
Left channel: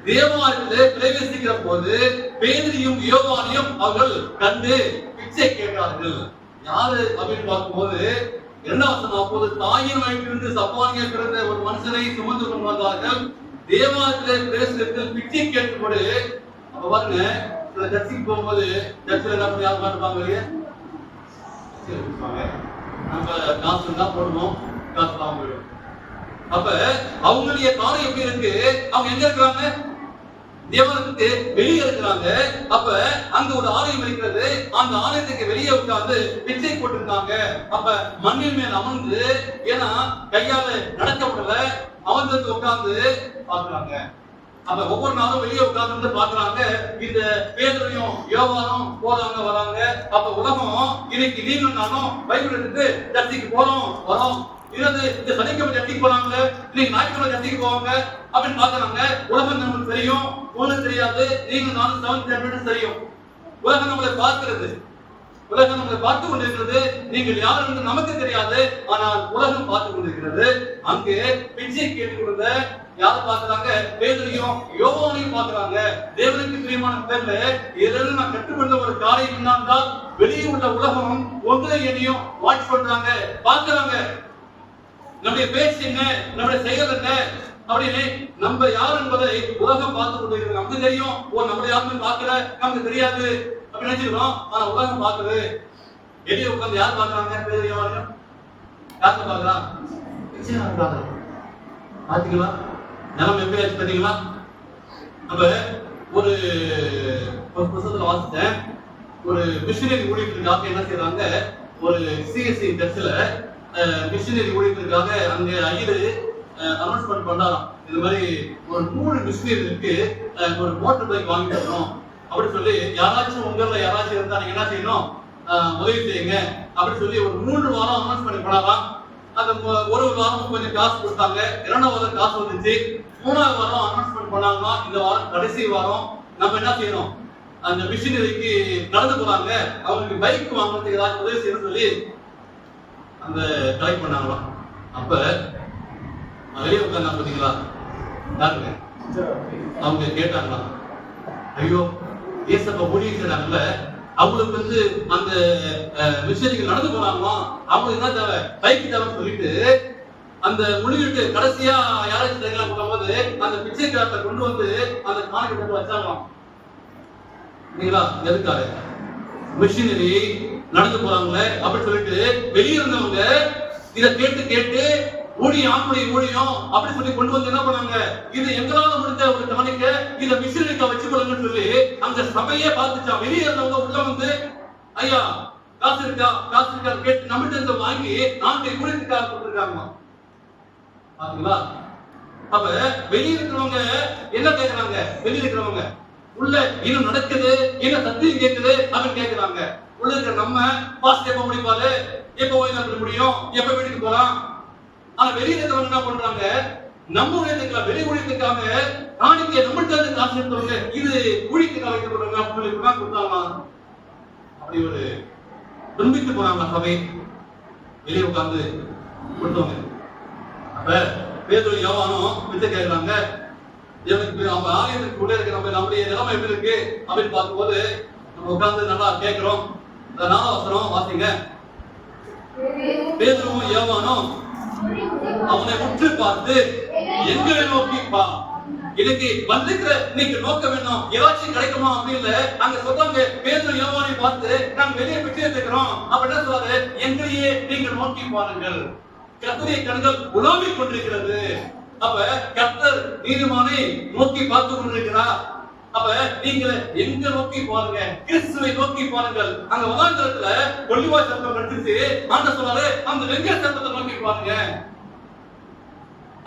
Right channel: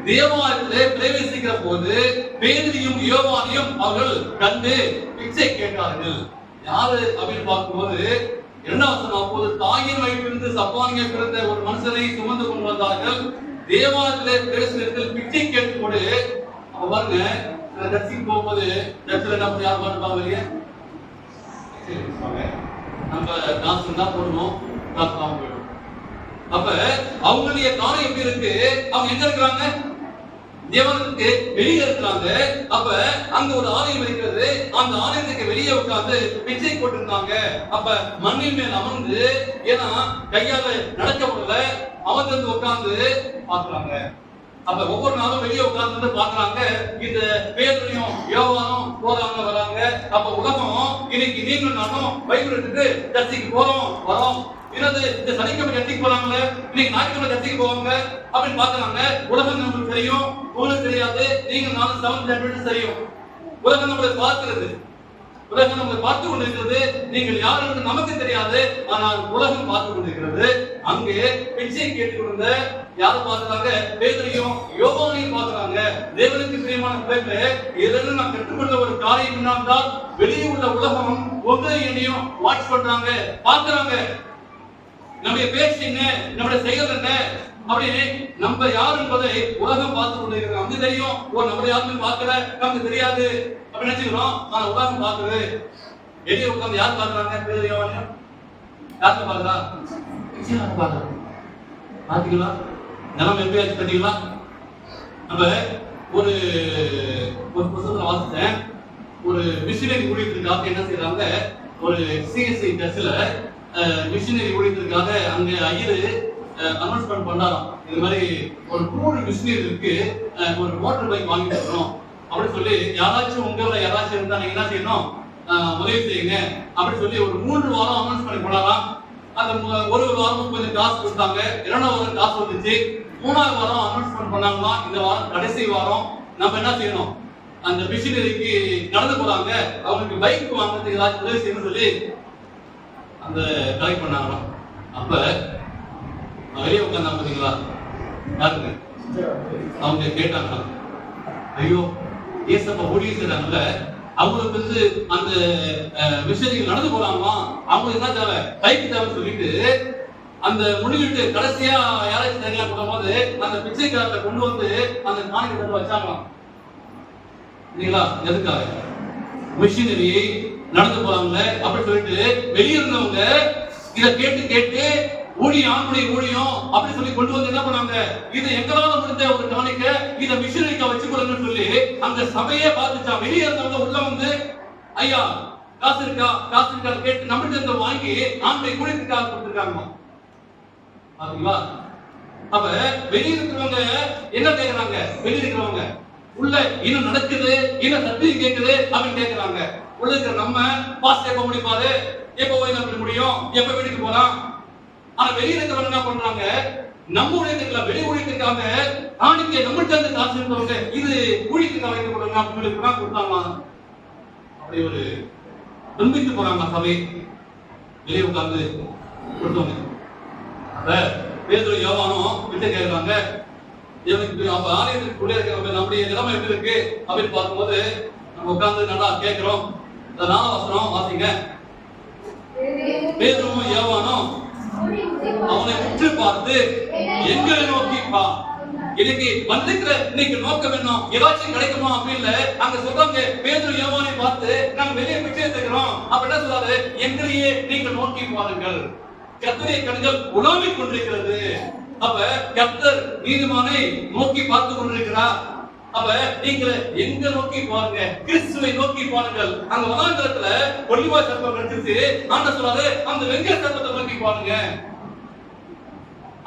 தேவாலயத்திலே பிரவேசிக்கிற போது பேதுருவையும் யோவானையும் அவர்கள் கண்டு பிச்சை கேட்டார்கள். யாரு அப்படின்னு பார்க்கும்போது 2ஆம் வசனம், அப்போது தாயின் வயிற்றிலிருந்து சப்பானியை பிறந்த ஒரு மனுஷனை சுமந்து கொண்டு வந்தார்கள். தேவாலயத்திலே பிரவேசிக்கிறதுக்கு பிச்சை கேட்டுக்கொண்டு. அப்ப பாருங்க, சில சர்ச்சுக்கு போகும்போது சர்ச்சில் என்ன பண்ணி யார் பாட்டுப்பாங்க வெளியே நம்ம காசு தான் போடுவோம், காசு வாங்க போயிடும். அப்ப அவங்களுடைய காலம் எப்படி இருக்கு? அவங்க எங்க இருக்கிறாங்க? தேவனுக்கு வெளியே இருக்கிறாங்க. அப்ப அங்க ஒரு ஆலயம் இருக்கிறது. அந்த ஆலயத்துக்கு வெளியே உட்கார்ந்து பிச்சை போட்டிருக்காங்க. அப்ப மண்ணின் மேல் அமர்ந்து, ஏன்னா கையால நடக்க முடியல, அமர்ந்து உட்கார்ந்து பாக்குறாங்க. அப்ப ஒவ்வொரு நாளும் வெளியே உட்கார்ந்து பாக்குறாங்க. இந்த பேதுருவையும் யோவானும் போறாங்க வராங்க. அப்ப உலகம் இன்னைக்கு நீங்களும் நானும் பைபிள் எடுத்துட்டு சர்ச்சைக்கு போறோம் வரோம். இந்த சனிக்கிழமை சர்ச்சைக்கு போறாங்களே, இன்னைக்கு ஞாயிற்றுக்கிழமை சர்ச்சைக்கு போவாங்க அப்படின்னு பாக்குறாங்க. உலகம் நமக்கு தெரியும், உங்களுக்கு தெரியாது. நீங்க நானும் 7th standard தெரியும். உலகம் நம்மளை பார்க்கிறது, உலகம் நம்மளை பார்த்து கொண்டிருக்கிறது. நீங்கள் யார் என்று நமக்கு தெரியாது, ஆனால் உலகம் பார்த்து கொண்டிருக்கிறது. அங்கே பிச்சை கேட்டுக்கொண்ட யாரை பார்க்கிறாங்க? பேதுருவையும் யோவானையும் பார்க்கிறாங்க. தேவனுக்கு பிரியமான பிள்ளைகளே, இதிலிருந்து நான் கற்றுக்கொண்ட ஒரு காரியம் என்னென்றால், வெளியே உள்ள உலகம் ஒன்றை என்னையும் வாட்ச் பண்றாங்க, பார்க்கிறாங்க. நம்முடைய பேச்சு என்ன, நம்முடைய செயல் என்ன அப்படின்னு நம்ம யார் என்பதை உலகம் பார்த்து கொண்டிருக்கிறது. நமக்கு தெரியும், நம்முடைய யாருமே பார்க்கல, நமக்கு தெரியாது அப்படின்னு நினைச்சுக்கிறோம். ஆனா உலகம் பார்க்குது. வெளியே உட்கார்ந்து யார் பார்க்கறாங்க? பேதுரு யோவான் யாருக்கு பார்க்கறா? பிச்சைக்காரன் பார்க்கறான். பாத்தீங்களா நிலைமை எப்படி ஆச்சு பார்த்தீங்களா? நம்ம ஒரு புத்தகத்துல வாசித்தேன். ஒரு மிஷனரி ஊழியத்திற்காக என்ன செய்யறாங்க, ஒரு சிஎஸ்சி சர்ச்சில் மிஷனரி ஊழியத்திற்காக அங்க ஐயர் அனௌன்ஸ்மெண்ட் பண்ணாராம். இது மாதிரி ஒரு 3 மிஷனரிக்கு ஒரு மோட்டர் பைக் வாங்கி தரணும் அப்படின்னு சொல்லி, யாராச்சும் உங்கள யாராச்சும் இருந்தா நீங்க என்ன செய்யணும், உதவி செய்யுங்க அப்படின்னு சொல்லி ஒரு 3 வாரம் அனௌன்ஸ் பண்ணி பண்ணலாம். அந்த ஒரு வாரம் கொஞ்சம் காசு கொடுத்தாங்க, 2ஆம் வாரம் காசு வந்துச்சு, 3ஆவது வாரம் அனௌன்ஸ்மெண்ட் பண்ணாங்களா, இந்த வாரம் கடைசி வாரம் நம்ம என்ன செய்யணும், அந்த மிஷனரிக்கு நடந்து போறாங்க, அவங்களுக்கு பைக் வாங்குறதுக்கு ஏதாச்சும் உதவி செய்யணும்னு சொல்லி அந்த கலெக்ட் பண்ணாங்களாம். அப்ப வெளியே உட்கார்ந்தாங்க பாத்தீங்களா, யாருங்க அவங்க கேட்டாங்களாம், ஐயோ ஏசப்பா ஊழியம் செய்றாங்கல்ல, அவங்களுக்கு வந்து அந்த மிஷனரிகள் நடந்து போறாங்களா, அவங்களுக்கு என்ன தேவை, பைக் தேவைன்னு சொல்லிட்டு அந்த முடிவிட்டு கடைசியா யாராச்சும் தேங்காய் போகும்போது அந்த பிச்சைக்காரத்தை கொண்டு வந்து அந்த காணிக்கை கொண்டு வச்சாங்களாம். இல்லைங்களா? எதுக்காக? மிஷனரி நடந்து போறாங்களே அப்படின்னு சொல்லிட்டு வெளியே இருந்தவங்க இதை கேட்டு கேட்டு ஊழியம் அப்படி சொல்லி கொண்டு வந்து என்ன பண்ணாங்க, இது எங்களால முடிஞ்ச ஒரு காணிக்க, இதை மிஷனரிக்கா வச்சுக்கொள்ளுங்கன்னு சொல்லி அந்த சபையே பார்த்துச்சா. வெளியே இருந்தவங்க உள்ள வந்து, ஐயா காசு இருக்கா கேட்டு நம்மகிட்ட இருந்து வாங்கி நாம ஊழியத்துக்காக கொடுத்துருக்காங்க. பாத்தீங்களா? அப்ப வெளியே இருக்கிறவங்க என்ன கேட்கிறாங்க, வெளியே இருக்கிறவங்க உள்ள இன்னும் நடக்குது, இன்னும் சத்தியம் கேட்குது அப்படின்னு கேட்கிறாங்க. உள்ள இருக்கிற நம்ம பாஸ்ட் எப்ப முடிப்பாரு, எப்ப ஓய்வு முடியும், எப்ப வீட்டுக்கு போலாம். ஆனா வெளியே இருக்கிறவங்க என்ன பண்றாங்க, நம்ம ஊழியத்துக்கு வெளி ஊழியத்துக்காக காணிக்கை நம்மள்கிட்ட இருந்து காசு இருக்கிறவங்க இது ஊழியத்துக்காக வைக்கப்படுறாங்க கொடுத்தாங்க. அப்படி ஒரு துன்பித்து போறாங்க சபை வெளியே உட்கார்ந்து கொடுத்தவங்க. அப்ப பேதுரு யோவானும் விட்டு கேட்கிறாங்க, ஆலயத்துக்கு உள்ள இருக்கிற நம்முடைய நிலைமை எப்படி இருக்கு அப்படின்னு பார்க்கும்போது நம்ம உட்கார்ந்து நல்லா கேட்கிறோம். 4ஆம் வசனம் வாசிங்க. பேதுருவும் யோவானும் அவனை உற்று பார்த்து எங்களை நோக்கி பா. இன்னைக்கு வந்திருக்கிற இன்னைக்கு நோக்கம் என்ன, ஏதாச்சும் கிடைக்குமா அப்படின்னு அங்க சொல்றாங்க. பேதுரு யோவானை பார்த்து நாங்க வெளியே விட்டு இருக்கிறோம் அப்படின்னு சொல்றாரு, எங்களையே நீங்கள் நோக்கி பாருங்கள், கர்த்தருடைய கண்கள் உலாவிக் கொண்டிருக்கிறது. அப்ப கர்த்தர் நீதிமானை நோக்கி பார்த்து கொண்டிருக்கிறார். அப்ப நீங்க எங்க நோக்கி பாருங்க, கிறிஸ்துவை நோக்கி பாருங்கள். அங்க வனாந்தரத்துல ஒலிவ சர்ப்பம் கடிச்சு ஆண்டவர் சொல்றாரு, அந்த வெங்கட சர்ப்பத்தை நோக்கி பாருங்க.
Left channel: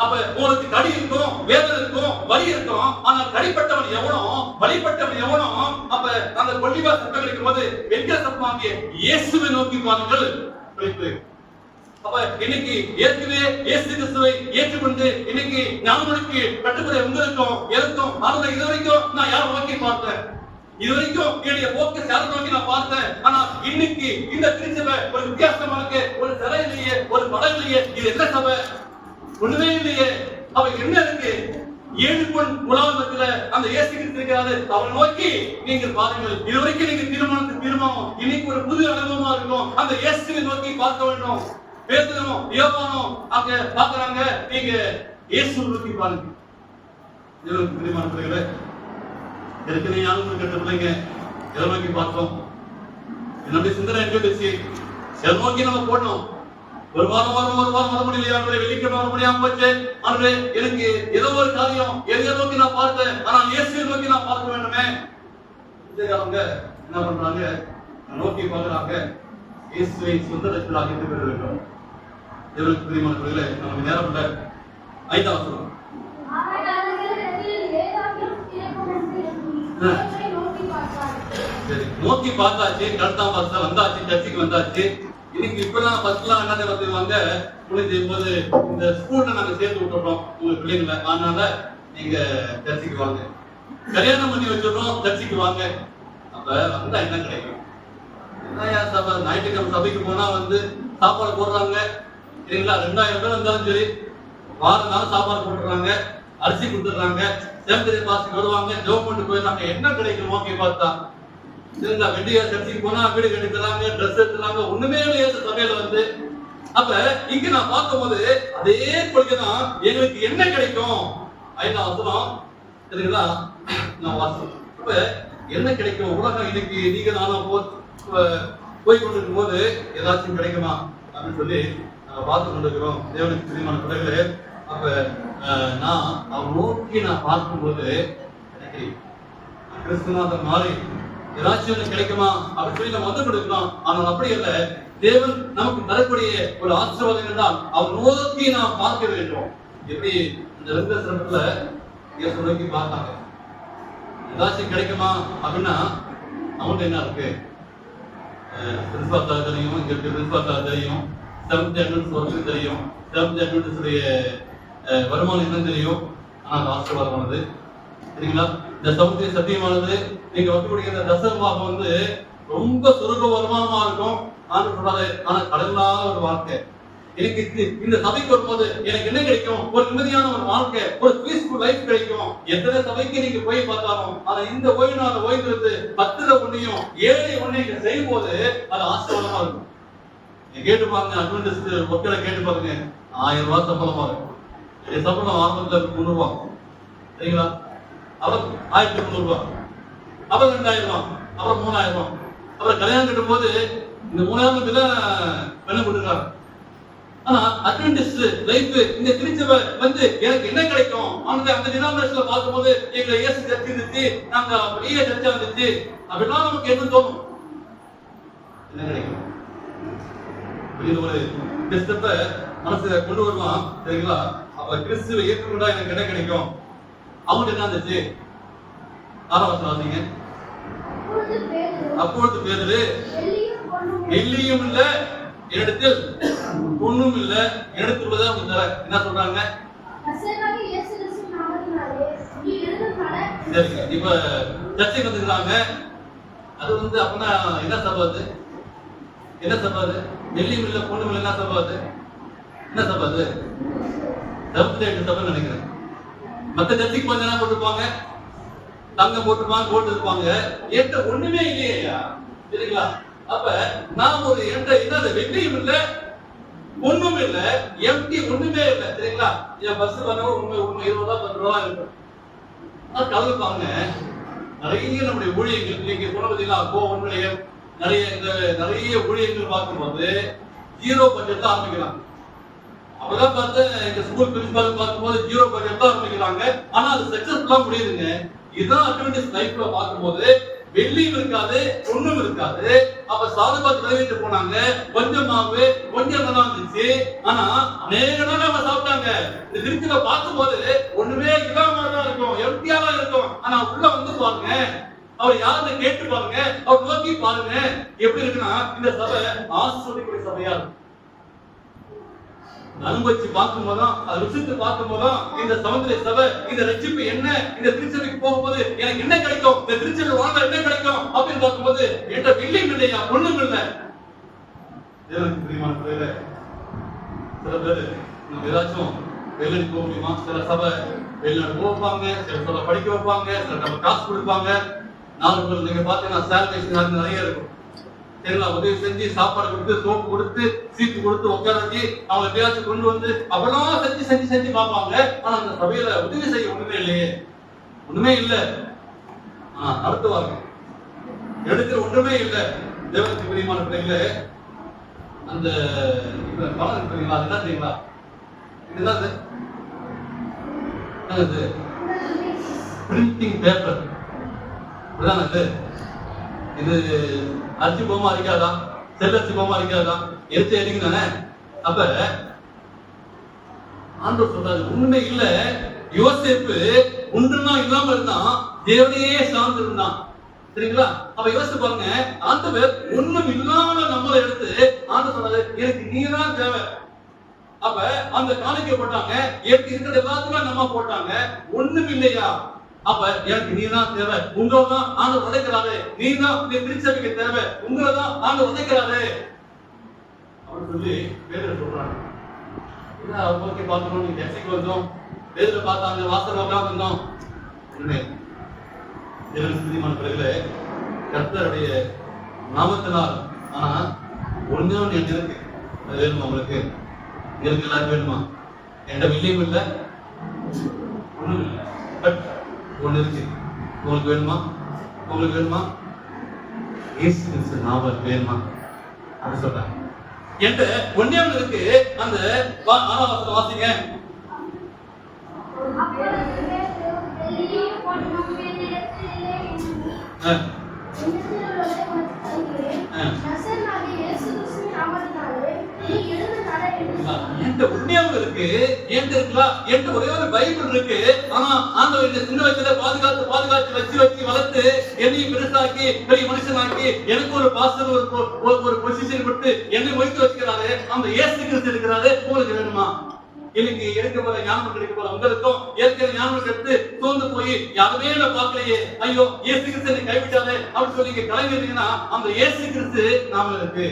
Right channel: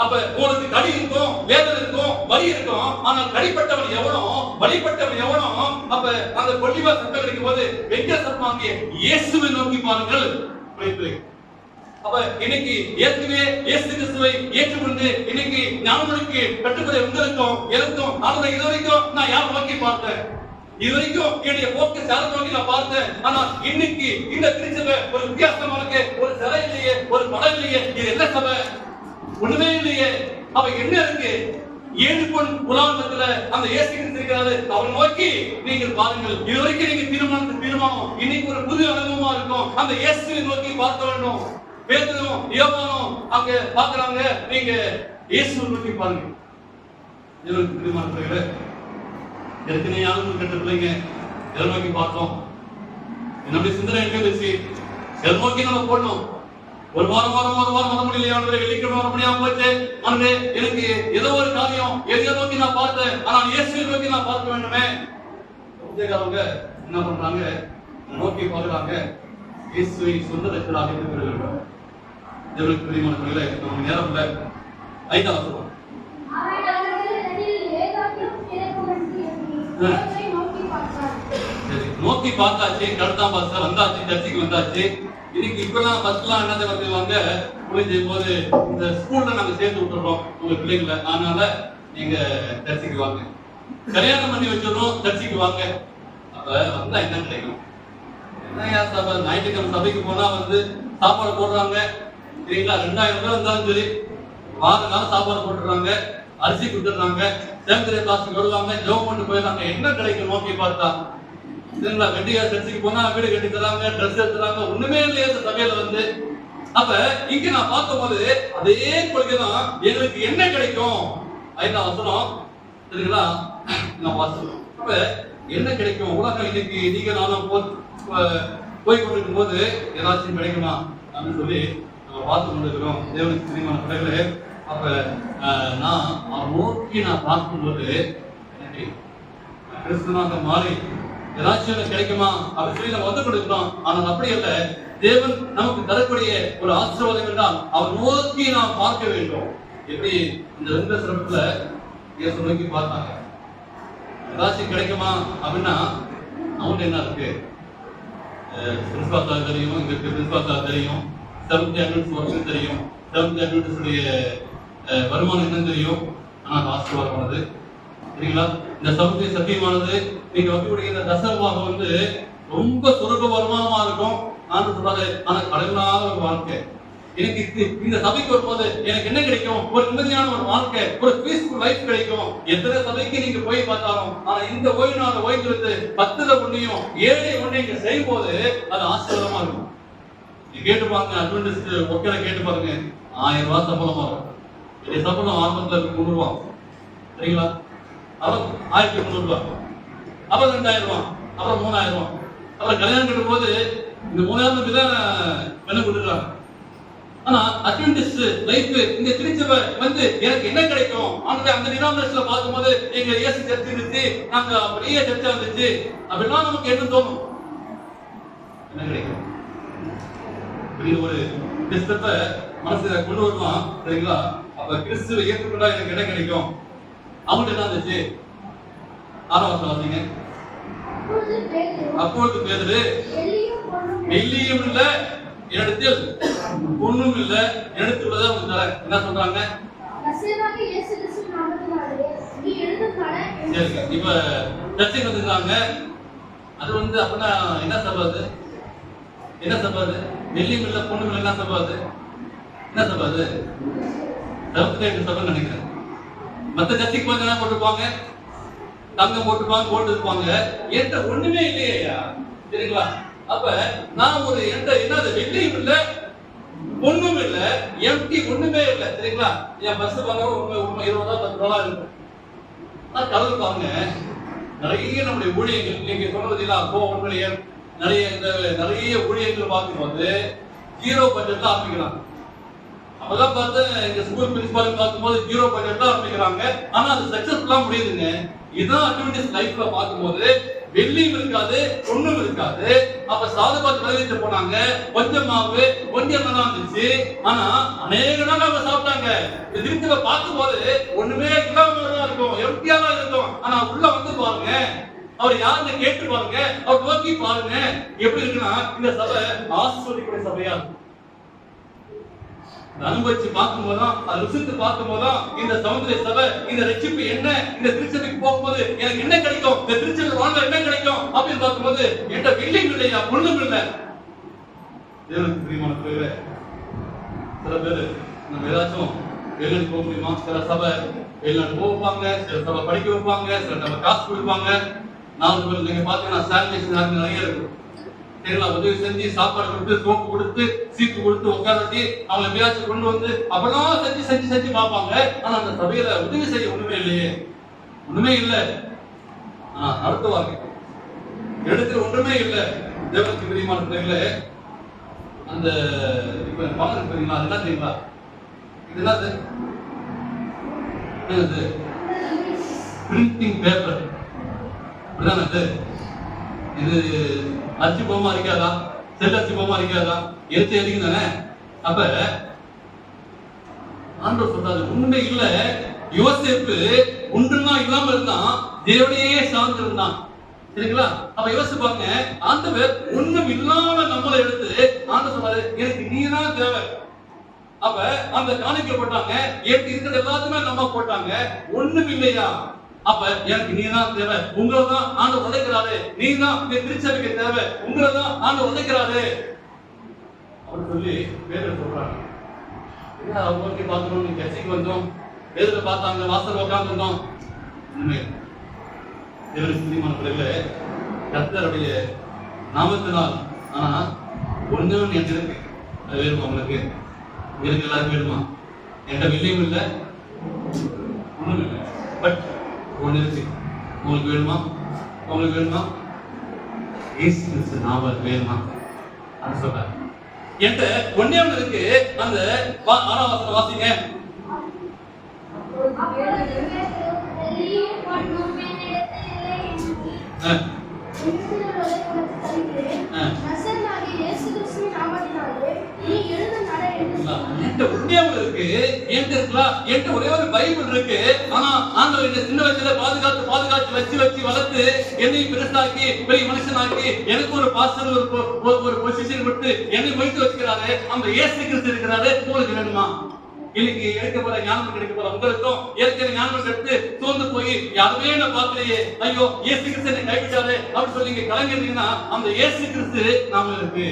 அப்ப உங்களுக்கு கடி இருக்கும், வேதனை இருக்கும், வலி இருக்கும், ஆனால் கடிப்பட்டவன் எவனோ, வலிப்பட்டவன் எவனோ, அப்ப அந்த ஒலிவ சர்ப்பம் கடிக்கும் போது வெங்கட சர்ப்பமாகிய இயேசுவை நோக்கி பாருங்கள். அப்ப இன்னைக்கு ஏற்கனவே இயேசு கிறிஸ்துவை ஏற்றுக்கொண்டு இன்னைக்கு ஞானங்களுக்கு கட்டுப்பட உங்களுக்கும் எனக்கும் ஆனந்த இது வரைக்கும் நான் யார் நோக்கி பார்த்தேன், இதுவரைக்கும் என்னுடைய போக்கு சேலை நோக்கி நான் பார்த்தேன். ஆனா இன்னைக்கு இந்த திருச்சபை ஒரு வித்தியாசமா இருக்கு. ஒரு சிலை இல்லையே, ஒரு படம் இல்லையே, இது என்ன சபை? ஒண்ணுமே இல்லையே. அவ என்ன இருக்கு? 7 பொன் உலாமத்துல அந்த இயேசு கிறிஸ்து இருக்காரு. அவரை நோக்கி நீங்க பாருங்கள். இதுவரைக்கும் நீங்க தீர்மானம் இன்னைக்கு ஒரு புது அனுபவமா இருக்கும். அந்த இயேசுவை நோக்கி பார்க்க வேண்டும். பேதுரும் யோவானும் அங்க பாக்குறாங்க. நீங்க இயேசுவை நோக்கி பாருங்க. இவருக்கு பிரியமானவர்களே, ஏற்கனவே ஆளுநர் கட்ட பிள்ளைங்க எதை நோக்கி பார்த்தோம்? என்னுடைய சிந்தனை எங்க இருந்துச்சு? எதை நோக்கி நம்ம போடணும்? ஒரு வாரம் வர முடியலையா? வெள்ளிக்கிழமை வர முடியாம போச்சு. ஆனே எனக்கு ஏதோ ஒரு காரியம் எதை நோக்கி நான் பார்த்தேன். ஆனால் இயேசுவை நோக்கி நான் பார்க்க வேண்டுமே. அவங்க என்ன பண்றாங்க? நோக்கி பார்க்கறாங்க. இயேசுவை சொந்த ரட்சகராக பெற வேண்டும். தேவனுக்கு பிரியமானவர்களே, நமக்கு நேரம் இல்லை. 5ஆம் வசனம். சரி, நோக்கி பார்த்தாச்சு. கடத்தாம் பாச வந்தாச்சு, சர்ச்சுக்கு வந்தாச்சு. இன்னைக்கு இப்பெல்லாம் பஸ்லாம் என்னதை வந்துருவாங்க முடிஞ்ச போது இந்த ஸ்கூல்ல நாங்க சேர்த்து விட்டுறோம் உங்க பிள்ளைங்களை. அதனால நீங்க சர்ச்சுக்கு வாங்க. கல்யாணம் பண்ணி வச்சிடறோம், சர்ச்சுக்கு வாங்க. அப்ப வந்தா என்ன கிடைக்கும்? என்ன சபை? ஞாயிற்றுக்கிழமை சபைக்கு போனா சாப்பாடு போடுறாங்க சரிங்களா? 2000 ரூபாய் இருந்தாலும் சரி, வாரனால சாப்பாடு போட்டுறாங்க, அரிசி கொடுத்துடுறாங்க, சேமத்திரை பாசத்துக்கு வருவாங்க, ஜோம் பண்ணி போயிடுறாங்க. என்ன கிடைக்கும் நோக்கி பார்த்தா? சரிங்களா? வெண்டியா சர்ச்சுக்கு போனா வீடு கட்டி தராங்க, ட்ரெஸ் எடுத்துறாங்க. ஒண்ணுமே இல்லையா இந்த சபையில? அப்ப இங்க நான் பார்க்கும் போது அதே கொள்கைதான். எங்களுக்கு என்ன கிடைக்கும்? 5ஆம் வசனம் சரிங்களா? நான் வாசிக்கிறேன். அப்ப என்ன கிடைக்கும்? உலகம் இன்னைக்கு நீங்க நானும் போய் கொண்டிருக்கும் போது ஏதாச்சும் கிடைக்குமா அப்படின்னு சொல்லி பார்த்து கொண்டிருக்கிறோம். தேவனுக்கு பிரியமான பிள்ளைகளே, அப்ப நான் அவர் நோக்கி நான் பார்க்கும்போது எனக்கு கிறிஸ்துவனாக மாறி ஏதாச்சும் கிடைக்குமா அப்படின்னு சொல்லி நம்ம கொடுக்கிறோம். ஆனால் அப்படி இல்ல. தேவன் நமக்கு தரக்கூடிய ஒரு ஆசீர்வாதம் என்றால் அவர் நோக்கி நாம் பார்க்க வேண்டும். எப்படி இந்த ரெண்டு சிறப்புல இயேசு நோக்கி பார்த்தாங்க. ஏதாச்சும் கிடைக்குமா அப்படின்னா அவங்க என்ன இருக்கு? பிரின்சிபால் தெரியும், இங்க பிரின்சிபால் தெரியும், செவன்த் அட்வென்ட்ஸ் தெரியும், செவன்த் அட்வென்ட்ஸுடைய வருமானம் என்னன்னு தெரியும். ஆனால் ஆசீர்வாதமானது சரிங்களா? இந்த சமுத்திர சத்தியமானது நீங்க வைக்கக்கூடிய இந்த தசமமாக ரொம்ப சுருக்க வருமானமா இருக்கும். நான் சொல்றாரு, ஆனா கடலாத ஒரு வாழ்க்கை. எனக்கு இந்த சபைக்கு வரும்போது எனக்கு என்ன கிடைக்கும்? ஒரு நிம்மதியான ஒரு வாழ்க்கை, ஒரு பீஸ்ஃபுல் லைஃப் கிடைக்கும். எத்தனை சபைக்கு நீங்க போய் பார்த்தாலும், ஆனா இந்த ஓய்வு நாள் ஓய்வு 10ல ஒன்னையும் 7 ஒன்னையும் இங்க செய்யும் போது அது ஆசீர்வாதமா இருக்கும். நீங்க கேட்டு பாருங்க, அட்வென்டிஸ்ட் ஒர்க்கரை கேட்டு பாருங்க, 1000 ரூபாய் சம்பளமா இருக்கும். சம்பளம் ஆரம்பத்துல 300 ரூபாய் சரிங்களா? அப்புறம் 1300 ரூபாய், அப்புறம் 2000 ரூபாய், அப்புறம் 3000 ரூபாய். அப்புறம் கல்யாணம் கட்டும் போது இந்த 3000 தான் பண்ண கொடுக்குறாங்க. ஆனா அட்வென்டிஸ்ட் லைஃப் இந்த திருச்சபை எனக்கு என்ன கிடைக்கும்? அந்த டினாமினேஷன்ல பார்க்கும்போது எங்களை இயேசு சர்ச்சை இருந்துச்சு, நாங்க பெரிய சர்ச்சா இருந்துச்சு அப்படின்னா நமக்கு என்ன தோணும்? என்ன கிடைக்கும்? ஒரு கிறிஸ்தவ மனசுல கொண்டு வரலாம் சரிங்களா? அப்ப கிறிஸ்துவை ஏற்றுக்கொண்டா எனக்கு என்ன கிடைக்கும்? அவங்களுக்கு என்ன இருந்துச்சு? 6ஆம் வசனம் வாசிங்க. அப்பொழுது பேதுரு, வெள்ளியும் இல்ல என்னிடத்தில், பொன்னும் இல்ல என்னிடத்தில் உள்ளதை அவங்க தர. என்ன சொல்றாங்க? சரி, இப்ப சர்ச்சைக்கு வந்துருக்காங்க. அது அப்படின்னா என்ன சபை? அது என்ன சபை? அது வெள்ளியும் இல்ல பொண்ணும் இல்ல என்ன சபை? அது என்ன சபை? அது சபை நினைக்கிறேன். மத்த சர்ச்சைக்கு போய் என்ன போட்டுருப்பாங்க? தங்கம் போட்டுருப்பாங்க, போட்டு இருப்பாங்க. என்கிட்ட ஒண்ணுமே இல்லையா சரிங்களா? அப்ப நான் ஒரு என்னது வெள்ளியும் இல்ல பொண்ணும் இல்ல, எம்டி ஒண்ணுமே இல்ல சரிங்களா? என் பஸ் பண்ண உண்மை 20 ரூபா 10 ரூபா இருக்கும். கலந்துப்பாங்க. நிறைய நம்முடைய ஊழியர்கள் நீங்க சொன்னதுல உண்மையிலேயே நிறைய ஊழியர்கள் பார்க்கும்போது 0 பட்ஜெட் தான் ஆரம்பிக்கிறாங்க. அப்பதான் பார்த்து இந்த ஸ்கூல் பிரின்சிபால் பார்க்கும்போது 0 பட்ஜெட் தான் ஆரம்பிக்கிறாங்க. ஆனா அது சக்சஸ்ஃபுல்லா முடியுதுங்க. இதுதான் அட்வென்டிஸ்ட் லைஃப்ல பார்க்கும்போது வெள்ளியும் இருக்காது, பொண்ணும் இருக்காது. அப்ப சாதுபாத் விளைவிட்டு போனாங்க. கொஞ்சம் மாவு, கொஞ்சம் நல்லா இருந்துச்சு. ஆனா அநேக நாள் அவங்க சாப்பிட்டாங்க. இந்த திருச்சியில பார்க்கும்போது ஒண்ணுமே இல்லாம தான் இருக்கும், எம்டியா தான் இருக்கும். ஆனா உள்ள பாருங்க, அவர் யாருன்னு கேட்டு பாருங்க, அவர் நோக்கி பாருங்க. எப்படி இருக்குன்னா இந்த சபை ஆசீர்வதிக்கூடிய சபையா இருக்கும். அனுபவிச்சு பார்க்கும் போதும் அதை ருசித்து பார்க்கும் போதும் இந்த சமுதிர சபை இந்த ரட்சிப்பு என்ன, இந்த திருச்சபைக்கு போகும்போது எனக்கு என்ன கிடைக்கும், இந்த திருச்சபை வாழ்ல என்ன கிடைக்கும் அப்படின்னு பார்க்கும்போது என்கிட்ட வெள்ளியும் இல்லையா பொண்ணும் இல்லை. தேவனுக்கு பிரியமான பிள்ளைகளே, சில பேர் நம்ம ஏதாச்சும் வெளிநாடு போக முடியுமா? சில சபை வெளிநாடு போக வைப்பாங்க, சில சபை படிக்க வைப்பாங்க, சில சபை காசு கொடுப்பாங்க. 4 பேர் நீங்க பாத்தீங்கன்னா சானிடேஷன் நிறைய இருக்கும். சரிங்களா? உதவி செஞ்சு சாப்பாடு கொடுத்து சோப்பு கொடுத்து சீட்டு கொடுத்து உட்கார வச்சு அவங்களை எப்படியாச்சும் கொண்டு வந்து அப்படிலாம் செஞ்சு பார்ப்பாங்க. ஆனா அந்த சபையில உதவி செய்ய ஒண்ணுமே இல்லையே, ஒண்ணுமே இல்லை. அடுத்த வாக்கு எடுக்கிற ஒன்றுமே இல்லை. தேவனுக்கு பிரியமான பிள்ளைகளே, அந்த இப்ப பணம் இருக்கிறீங்களா, அது என்ன தெரியுங்களா? இது என்னது? என்னது? Printing paper. அப்படிதானே? இது அரிசி போமா இருக்காதா, செல்லரிசி போமா இருக்காதா, எரிச்சு எரிங்க தானே. அப்ப ஆண்டவர் சொல்றாரு ஒண்ணுமே இல்ல. யோசேப்பு ஒன்றுனா இல்லாம இருந்தான், தேவனையே சார்ந்து இருந்தான். சரிங்களா? அப்ப யோசிப்பாங்க, ஆண்டவர் ஒண்ணும் இல்லாம நம்மளை எடுத்து ஆண்டவர் சொல்றாரு எனக்கு நீதான் தேவை. அப்ப அந்த காணிக்கை போட்டாங்க, இருக்கிற எல்லாத்துமே நம்ம போட்டாங்க, ஒண்ணும் இல்லையா? அப்ப எனக்கு நீதான் தேவை, உங்களதான் ஆண்டவர் உழைக்கிறாரு, நீதான் இந்த திருச்சபைக்கு தேவை, உங்களதான் ஆண்டவர் உழைக்கிறாரு அப்படின்னு சொல்லி பேர் சொல்றாங்க. என்ன அவங்க பாக்குறோம், நீங்க கட்சிக்கு வந்தோம், பேர்ல பார்த்தாங்க, வாசல் உட்காந்து வந்தோம். உண்மை பிரியமானவர்களே, கர்த்தருடைய நாமத்தினால். ஆனா ஒண்ணு எனக்கு இருக்கு, அது வேணுமா உங்களுக்கு? இருக்கு, எல்லாரும் வேணுமா? என்கிட்ட வெள்ளியும் இல்லை, ஒண்ணும் இல்லை, பட் ஒண்ணு இருக்கு. உங்களுக்கு வேணுமா? உங்களுக்கு வேணுமா? இயேசு கிறிஸ்து நாமம் வேணுமா? அது சொல்றாங்க. என்கிட்ட ஒண்ணே ஒண்ணு இருக்கு. அந்த 6ஆம் வசனம் வாசிங்க. இருக்கு, என்கிட்ட ஒரே ஒரு பைபிள் இருக்கு. ஆனா ஆண்டவர் என்ன சின்ன வயசுல பாதுகாத்து வச்சு வளர்த்து என்னையும் பெருசாக்கி பெரிய மனுஷனாக்கி எனக்கு ஒரு பாஸ்டர் ஒரு பொசிஷன் கொடுத்து என்னை ஒழித்து வச்சுக்கிறாரு. அந்த இயேசு கிறிஸ்து இருக்கிறாரு. உங்களுக்கு வேணுமா? இன்னைக்கு எடுக்க போற ஞானம் கிடைக்க போற உங்களுக்கும் ஏற்கனவே ஞானம் எடுத்து தோந்து போய் யாருமே நான் பார்க்கலையே, ஐயோ இயேசு கிறிஸ்து என்னை கைவிட்டாரு அப்படின்னு சொல்லி நீங்க கலங்கிறீங்கன்னா அந்த இயேசு கிறிஸ்து நாம இருக்கு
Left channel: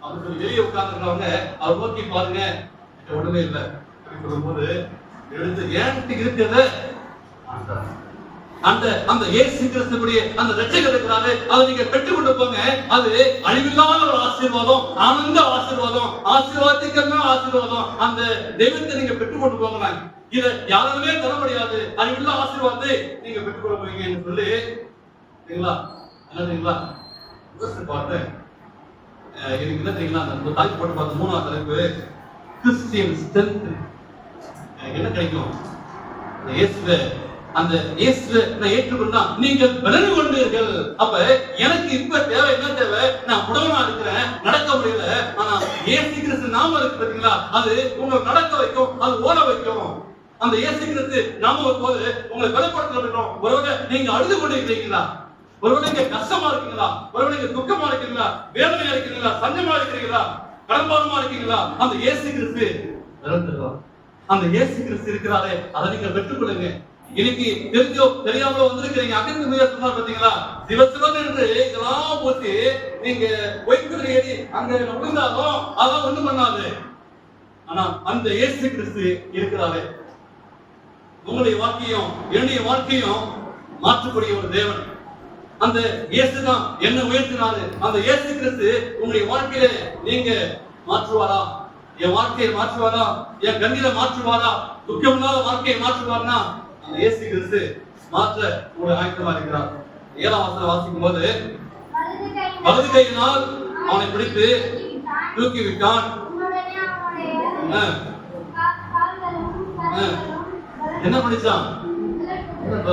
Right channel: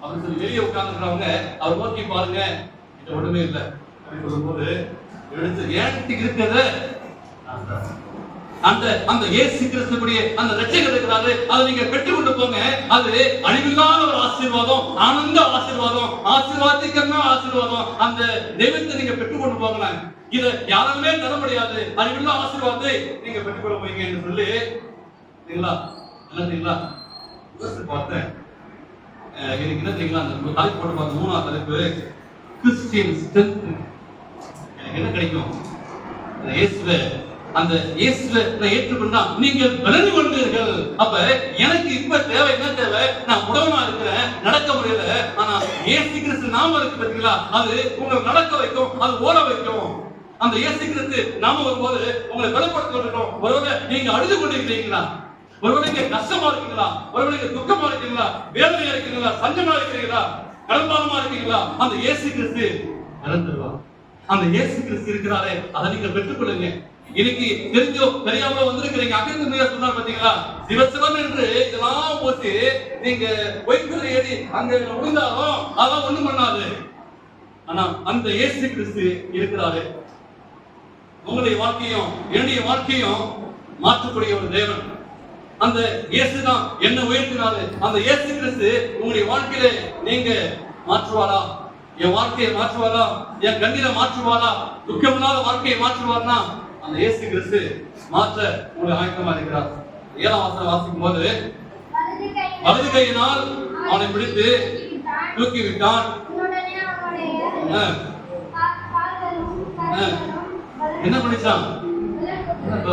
அப்படின்னு சொல்லி வெளியே உட்கார்ந்துக்கிறவங்க அவர் நோக்கி பாருங்க, ஒண்ணுமே இல்லை அப்படின்னு சொல்லும்போது எடுத்து ஏன்ட்டு இருக்கிறது அந்த இயேசு கிறிஸ்துவுடைய அந்த ரட்சகர் இருக்கிறாரு. அதை நீங்க பெற்றுக்கொண்டு போங்க. அது அழிவில்லாத ஒரு ஆசீர்வாதம், ஆனந்த ஆசீர்வாதம், ஆசீர்வாதத்துக்கெல்லாம் ஆசீர்வாதம். அந்த தெய்வத்தை நீங்க பெற்றுக்கொண்டு போகலாம். இதை யாருமே தர முடியாது. அழிவில்லா ஆசீர்வாதத்தை நீங்க பெற்றுக்கொள்ள போறீங்க என்று சொல்லி சரிங்களா? என்னங்களா பார்த்தேன். எனக்கு என்ன தெரியுங்களா, அந்த தலைப்பு போட்டு பார்த்த 3ஆவது தலைப்பு கிறிஸ்டியன் ஸ்ட்ரென்த். எனக்கு என்ன கிடைக்கும்? அந்த இயேசுவை நான் ஏற்றுக்கொண்டா நீங்கள் பலன் கொண்டீர்கள். அப்ப எனக்கு இப்ப தேவை என்ன தேவை? நான் உடம்பா இருக்கிறேன், நடக்க முடியல. ஆனா இயேசு கிறிஸ்து நாம இருக்கு பாத்தீங்களா, அது உங்களை நடக்க வைக்கும், அது ஓட வைக்கும். அந்த இயேசு கிறிஸ்து நாம வரும்போது உங்களை பலப்படுத்துறோம். ஒருவேளை நீங்க அழுது கொண்டு இருக்கிறீங்களா, ஒருவேளை நீங்க கஷ்டமா இருக்கீங்களா, ஒருவேளை நீங்க துக்கமா இருக்கீங்களா, வேதனையா இருக்கீங்களா, சஞ்சமா இருக்கிறீங்களா, கடன்பாரமா இருக்கீங்களா, அந்த இயேசு கிறிஸ்து இறந்துருவார். அந்த இயேசு கிறிஸ்து இருக்கிறாரே, அதை நீங்க பெற்றுக்கொள்ளுங்க. இன்னைக்கு தெரிஞ்சோ தெரியாமலோ வந்திருக்கிறீங்க. அங்கிருந்து முயற்சி பாத்தீங்களா, சிவசிவன் என்று இதெல்லாம் போட்டு நீங்க ஒய்பில் ஏறி அங்க விழுந்தாலும் அதெல்லாம் ஒண்ணும் பண்ணாது. ஆனா அந்த இயேசு கிறிஸ்து இருக்கிறாரு. உங்களுடைய வாழ்க்கையும் என்னுடைய வாழ்க்கையும் மாற்றக்கூடிய ஒரு தேவன். அந்த இயேசு தான் என்ன உயர்த்தினாரு. அந்த இயேசு கிறிஸ்து உங்களுடைய வாழ்க்கையில நீங்க மாற்றுவாரா? என் வாழ்க்கையை மாற்றுவாரா? என் கண்ணீரை மாற்றுவாரா? துக்கமில்லாத வாழ்க்கையை மாற்றுவார்னா அந்த இயேசு கிறிஸ்து மாற்ற உங்களை ஆயத்தமா இருக்கிறார். 7ஆம் வசனம் வாசிக்கும் போது வலது கையினால் அவனை பிடித்து தூக்கி விட்டான். என்ன பண்ணிச்சான்?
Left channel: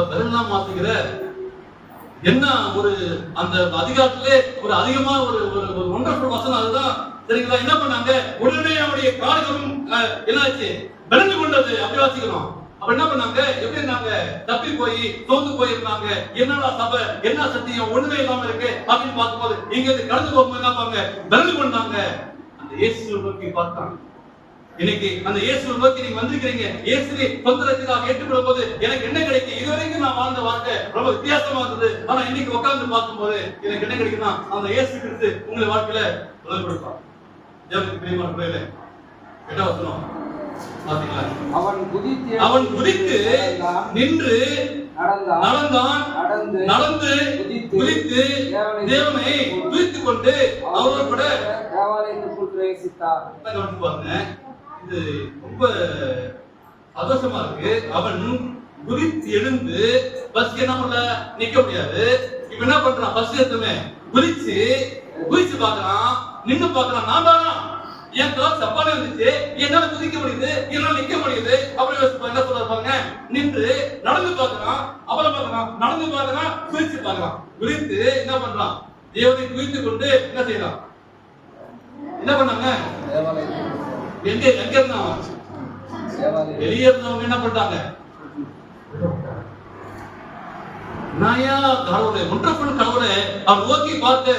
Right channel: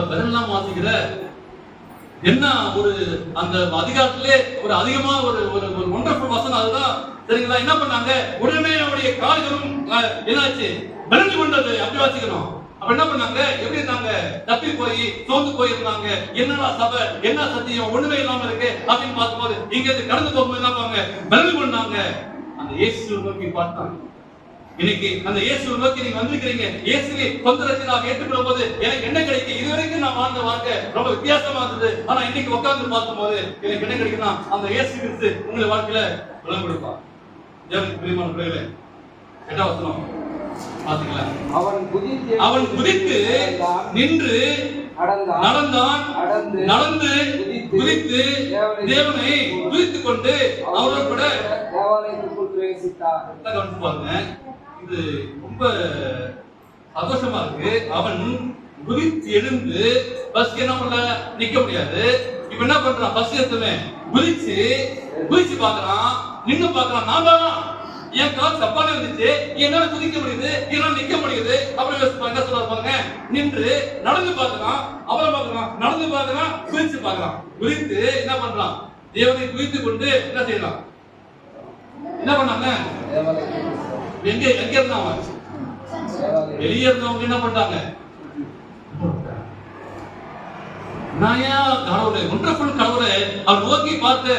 பதிலாம் வாசிக்கிற என்ன ஒரு அந்த அதிகாரத்திலே ஒரு அதிகமா ஒரு ஒண்டர்ஃபுல் வசனம் அதுதான். சரிங்களா? என்ன பண்ணாங்க? உடனே அவருடைய கால்களும் என்னாச்சு? பலன் கொண்டது. அப்படி வாசிக்கணும். அப்ப என்ன பண்ணாங்க? எப்படி இருந்தாங்க? தப்பி போய் சோர்ந்து போயிருந்தாங்க. என்னடா சபை, என்ன சத்தியம், ஒண்ணுமே இல்லாம இருக்கு அப்படின்னு பார்க்கும்போது இங்க இருந்து கடந்து போகும்போது என்ன பண்ணாங்க? பலன் கொண்டாங்க. அந்த இயேசுவை நோக்கி பார்த்தாங்க. இன்னைக்கு அந்த இயேசுவை நோக்கி நீங்க வந்திருக்கிறீங்க. இயேசுவை சொந்த ரட்சகராக ஏற்றுக்கொள்ளும் போது எனக்கு என்ன கிடைக்கும்? இதுவரைக்கும் நான் வாழ்ந்த வாழ்க்கை ரொம்ப வித்தியாசமா இருந்தது. ஆனா இன்னைக்கு உட்கார்ந்து பார்க்கும்போது எனக்கு என்ன கிடைக்குன்னா அந்த இயேசு கிறிஸ்து உங்களை வாழ்க்கையில பலன் கொடுப்பார். தேவனுக்கு பிரியமான பிள்ளைகளே, 8ஆம் வசனம் பாத்தீங்களா? அவன் குதித்து நின்று நடந்தான், நடந்து குதித்து தேவனை துதித்துக் கொண்டு அவரோடு கூட தேவாலயத்துக்குள் பிரவேசித்தார். பாருங்க, இது ரொம்ப சந்தோஷமா இருக்கு. அவன் குதித்து எழுந்து பஸ் என்ன பண்ண நிக்க முடியாது. இப்ப என்ன பண்றான்? பஸ் எடுத்துமே குதிச்சு பாக்குறான், நின்னு பாக்குறான். நான் தான் என் கால் சப்பானே வந்துச்சு, என்னால குதிக்க முடியுது, என்னால நிக்க முடியுது. அப்புறம் என்ன சொல்றாங்க? நின்று நடந்து பாக்குறான், அப்புறம் பாக்குறான், நடந்து பாக்குறான், குதிச்சு பாக்குறான். குதித்து என்ன பண்றான்? தேவனை துதித்துக் கொண்டு என்ன செய்யலாம்? என்ன பண்ணாங்க? எங்க இருந்தான்? வெளியே இருந்தவங்க என்ன பண்ணாங்க? கடவுளே அவன் நோக்கி பார்த்து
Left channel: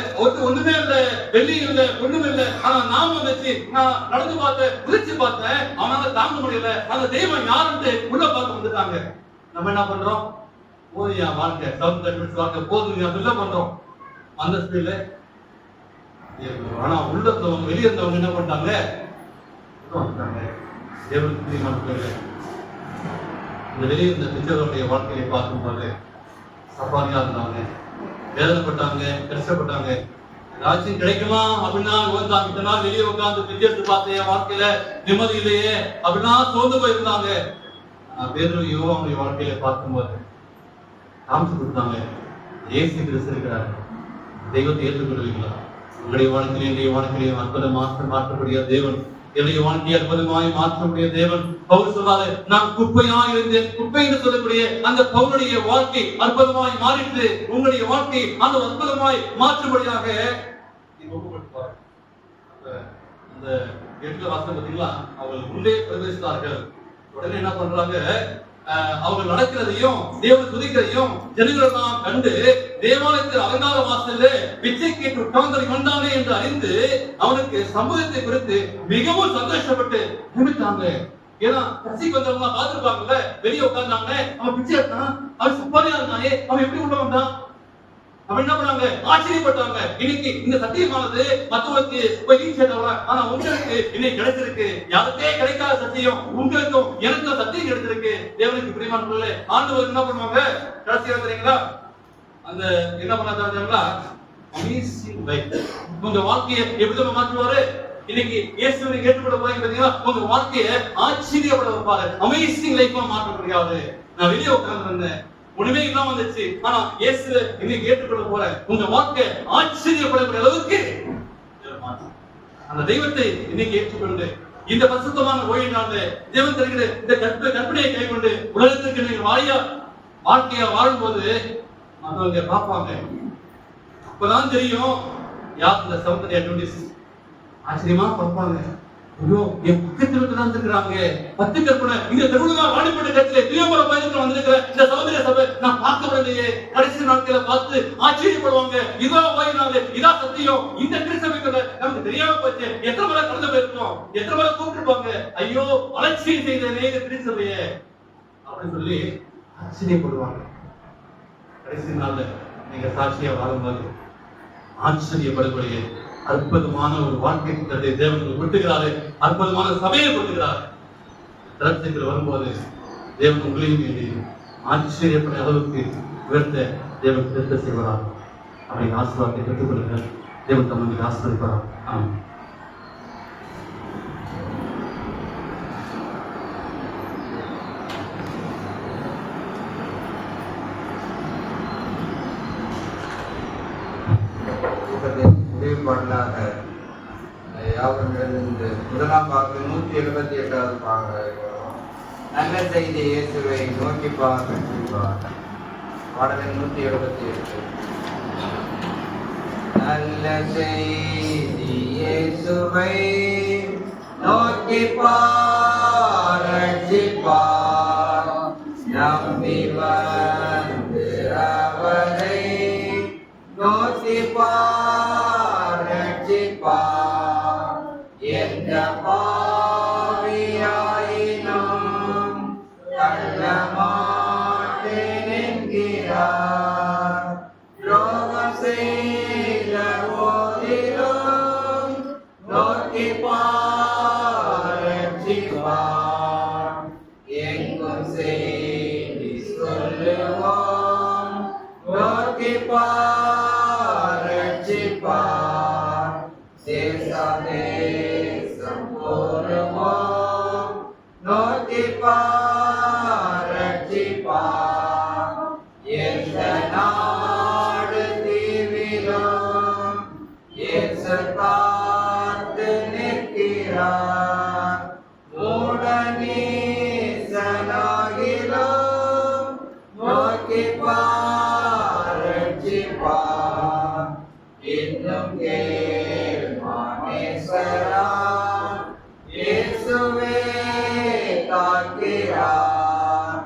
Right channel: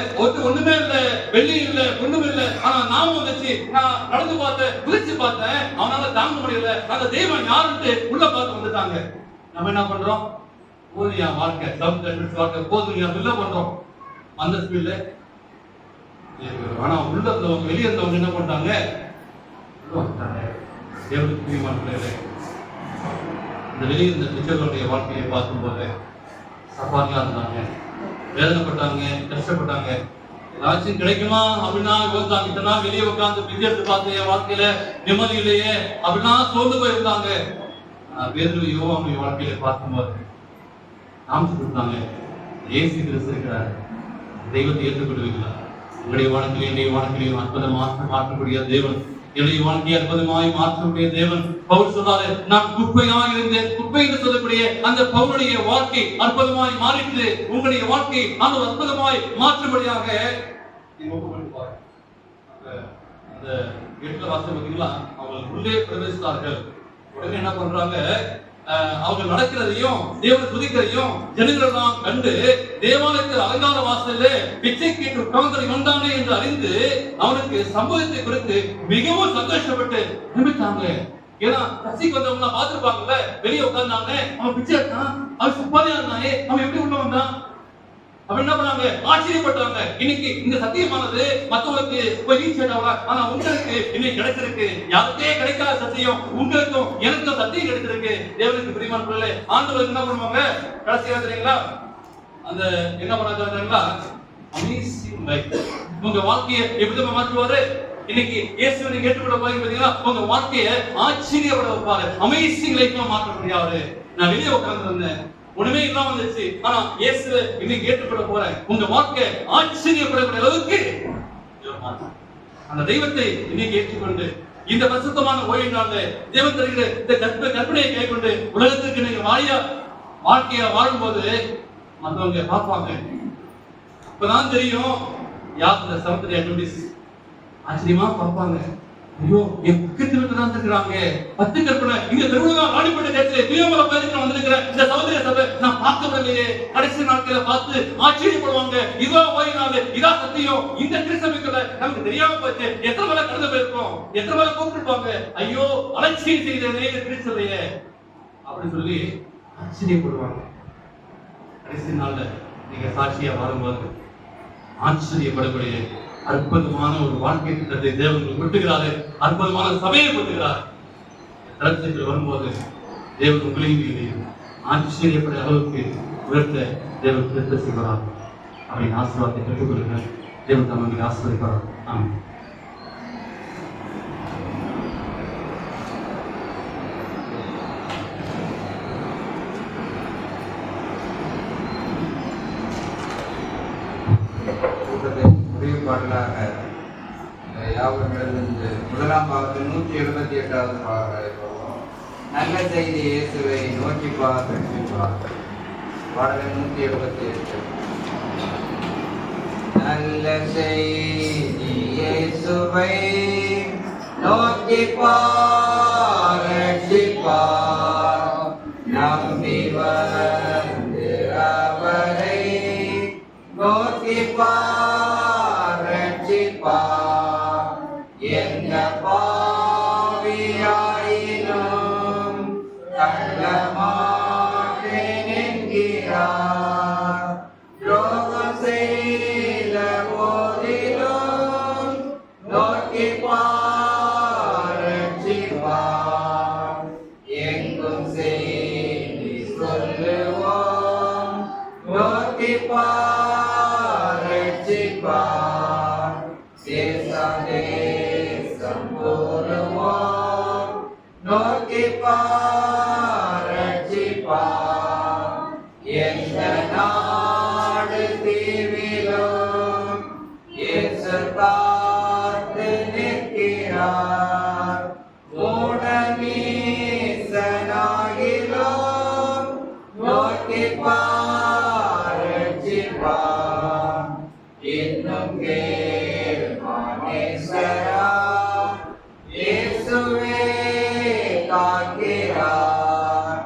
ஒண்ணுமே இல்ல, வெள்ளி இல்ல, ஒண்ணுமே இல்ல. ஆனா நாம வந்துச்சு, நான் நடந்து பார்த்தேன், குதிச்சு பார்த்தேன், அவனால தாங்க முடியல. அந்த தெய்வம் யாருன்னு உள்ள பார்த்து வந்துட்டாங்க. நம்ம என்ன பண்றோம்? போதும் என் வாழ்க்கை, வாழ்க்கை போதும் இல்ல பண்றோம் அந்த ஸ்பீட்ல. ஆனா உள்ள இருந்தவங்க வெளியே இருந்தவங்க என்ன பண்றாங்க? இந்த வெளியே இருந்த பிச்சைகளுடைய வாழ்க்கையை பார்க்கும்போது சப்பானியா இருந்தாங்க, வேதனைப்பட்டாங்க, கஷ்டப்பட்டாங்க. ஏதாச்சும் கிடைக்குமா அப்படின்னா யோசித்தாங்க. இத்தனை நாள் வெளியே உட்கார்ந்து பிச்சை எடுத்து பார்த்து என் வாழ்க்கையில நிம்மதி இல்லையே அப்படின்னா சோர்ந்து போயிருந்தாங்க. பேதுரு யோவானுடைய வாழ்க்கையில பார்க்கும்போது காமிச்சு கொடுத்தாங்க, இயேசு கிறிஸ்து இருக்கிறார், தெய்வத்தை ஏற்றுக்கொள்வீங்களா? உங்களுடைய வாழ்க்கையிலையும் அற்புதமாக மாற்றக்கூடிய தேவன், என்னுடைய வாழ்க்கையை அற்புதமாய் மாற்றக்கூடிய தேவன். பவுல் சொன்னாரு, நான் குப்பையாக இருந்தேன். குப்பை என்று சொல்லக்கூடிய அந்த பவுலுடைய வாழ்க்கை அற்புதமாய் மாறிட்டு உங்களுடைய வாழ்க்கை அந்த அற்புதமாய் மாற்றும்படியாக அந்த வீட்டுல வாசல் பார்த்தீங்களா, அவங்க உள்ளே பிரவேசித்தார்கள். உடனே என்ன பண்றாங்க? அவங்க நடக்கிறதையும் தேவனை துதிக்கிறதையும் ஜனங்களெல்லாம் கண்டு தேவாலயத்தில் அலங்கார வாசல்ல பிச்சை கேட்டு உட்கார்ந்ததை கொண்டானே என்று அறிந்து அவனுக்கு சம்பவத்தை குறித்து மிகவும் சந்தோஷப்பட்டு நிமித்தாங்க. ஏன்னா பசிக்கு வந்தவங்க பார்த்திருப்பாங்கல்ல, வெளியே உட்கார்ந்தாங்க, அவன் பிச்சை எடுத்தான், அவன் சுப்பாரியா இருந்தானே, அவன் எப்படி உள்ள வந்தான்? அப்ப என்ன பண்ணாங்க? ஆச்சரியப்பட்டாங்க. இன்னைக்கு இந்த சத்தியமானது மற்றவங்களுக்கு போய் ரீச் ஆகல, ஆனா உங்களுக்கு இன்னைக்கு கிடைச்சிருக்கு. யாருக்கே கிடைக்காத சத்தியம் உங்களுக்கும் எனக்கும் சத்தியம் கிடைச்சிருக்கு. தேவனுக்கு பிரியமான பிள்ளைகளே, ஆண்டவர் என்ன பண்ணுவாங்க? கடைசியா தெரியுங்களா, அந்த என்ன பண்ணாங்க? Amazing life. உங்க வாழ்க்கையை எப்படி மாற்றுவாரு? இன்னைக்கு இயேசுவை கேட்டுக்கொள்ள போறீங்க பாத்தீங்களா, உங்க வாழ்க்கையை ஆச்சரியப்பட வைப்பாரு, அமேசிங் லைஃபா மாற்ற முடியாது. நான் வெளியே உட்கார்ந்து இருந்தேன், ஒண்ணுமே இல்லாம வந்துச்சு, ஆனா இயேசு இன்னைக்கு ஏற்றுக்கொள்ள போறேன். உங்க வாழ்க்கை ஆச்சரியப்படக்கூடிய அளவுக்கு அந்த தெய்வத்தை இன்னைக்கு ஏற்றுக்கொண்டு இந்த பரிசுத்தமான ஓய்வு நாள்ல தேவன் தருகிற இந்த கற்பனையை கைக்கொண்டு உலகத்திற்கு நீங்க வாழ்க்கையா வாழும்போது மற்றவங்க பார்ப்பாங்க. அப்பதான் தெரியும் யார் இந்த சமுத்திர நோட்டீஸ். ஆச்சரியமா பார்ப்பாங்க. ஐயோ, என் பக்கத்துல தான் இருக்கிறாங்க 10 கற்பனை இந்த திருவிழா வாடிப்பட்ட கட்சியில தீவிர பயணத்துல வந்திருக்கிற இந்த சகோதர சபை நான் பார்க்கவில்லையே. கடைசி நாட்களை பார்த்து ஆச்சரியப்படுவாங்க. இதோ ஓய்நாள், இதா சத்தியம், இந்த திருச்சபைக்குள்ள நமக்கு தெரியாம போச்சு. எத்தனை முறை கடந்து போயிருப்போம், எத்தனை முறை கூப்பிட்டுருப்பாங்க. ஐயோ, அலட்சியம் செய்தே திருச்சபைய அப்படி சொல்லி ஆச்சரியப்படுவாங்க. கடைசி நாள்ல நீங்க சாட்சியா வாழும்போது ஆச்சரியப்படக்கூடிய அற்புதமான ஒரு வாழ்க்கை திட்டத்தை தேவன் விட்டுகிறாரு. அற்புதமான சபையை விட்டுகிறார். தரத்தில் வரும்போது தேவன் உங்களையும் ஆச்சரியப்பட அளவுக்கு உயர்த்த தேவன் திருத்த செய்வார். அப்படின்னு ஆசீர்வாதத்தை பெற்றுக்கொள்ளுங்கள். தேவன் தம்முடைய ஆசீர்வதிப்பார். ஆமென். முடிவு பாடலாக யாவரிலிருந்து முதலாம் பாட்டு 178வது பாடல் நல்ல செய்தி இயேசுவை நோக்கி பார்ப்பார். பாடலை 178. நல்ல செய்தி இயேசுவை நோக்கி பார், நம்பி வந்து அவரை நோக்கி பார், எந்த பாவி மாட்டேன் என்கிறார். துரோகம் செய்த போதிலும் நோக்கி பார் ரட்சிப்பார். எங்கும் செய்தி சொல்லுவோம் நோக்கி பார் ரட்சிப்பார். தேசம் தேசம் போருவோம் நோக்கி பார் ரட்சிப்பார். எந்த நாடு தீவிலும் இயேசு காத்து நிற்கிறார். மூடநீசனாகிலும் நோக்கி பார் ரட்சிப்பார். இன்னும் கேள் மானேசரா இயேசுவே காக்கிறார்.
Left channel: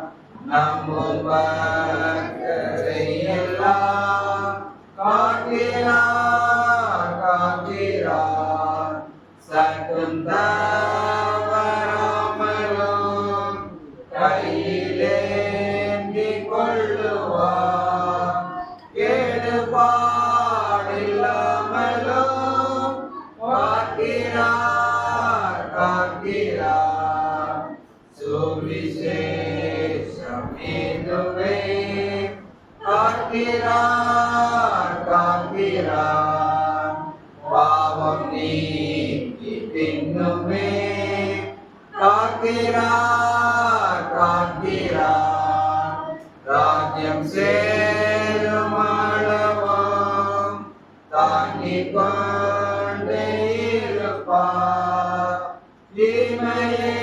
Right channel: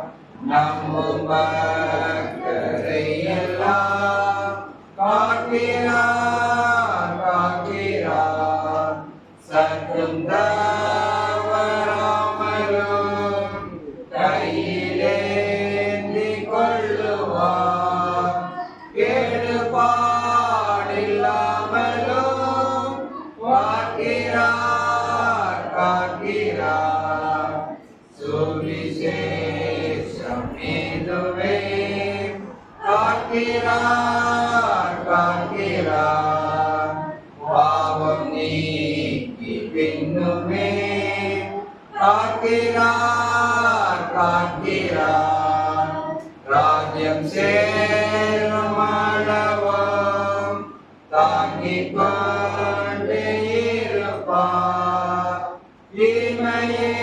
நம்பும் பக்தரை எல்லாம் காக்கிறார் காக்கிறார். சற்றும் தவறாமலும் கையிலேந்தி கொள்ளுவார். கேடுபாடில்லாமலும் காக்கிறார் காக்கிறார். சுவிசேஷம் இதுவே காக்கிறார் காக்கிறார். பாவம் நீக்கி பின்னுமே காக்கிறார் காக்கிறார். ராஜ்யம் சேரும் அளவும் தாங்கிக் கொண்டே இருப்பார். தீமையை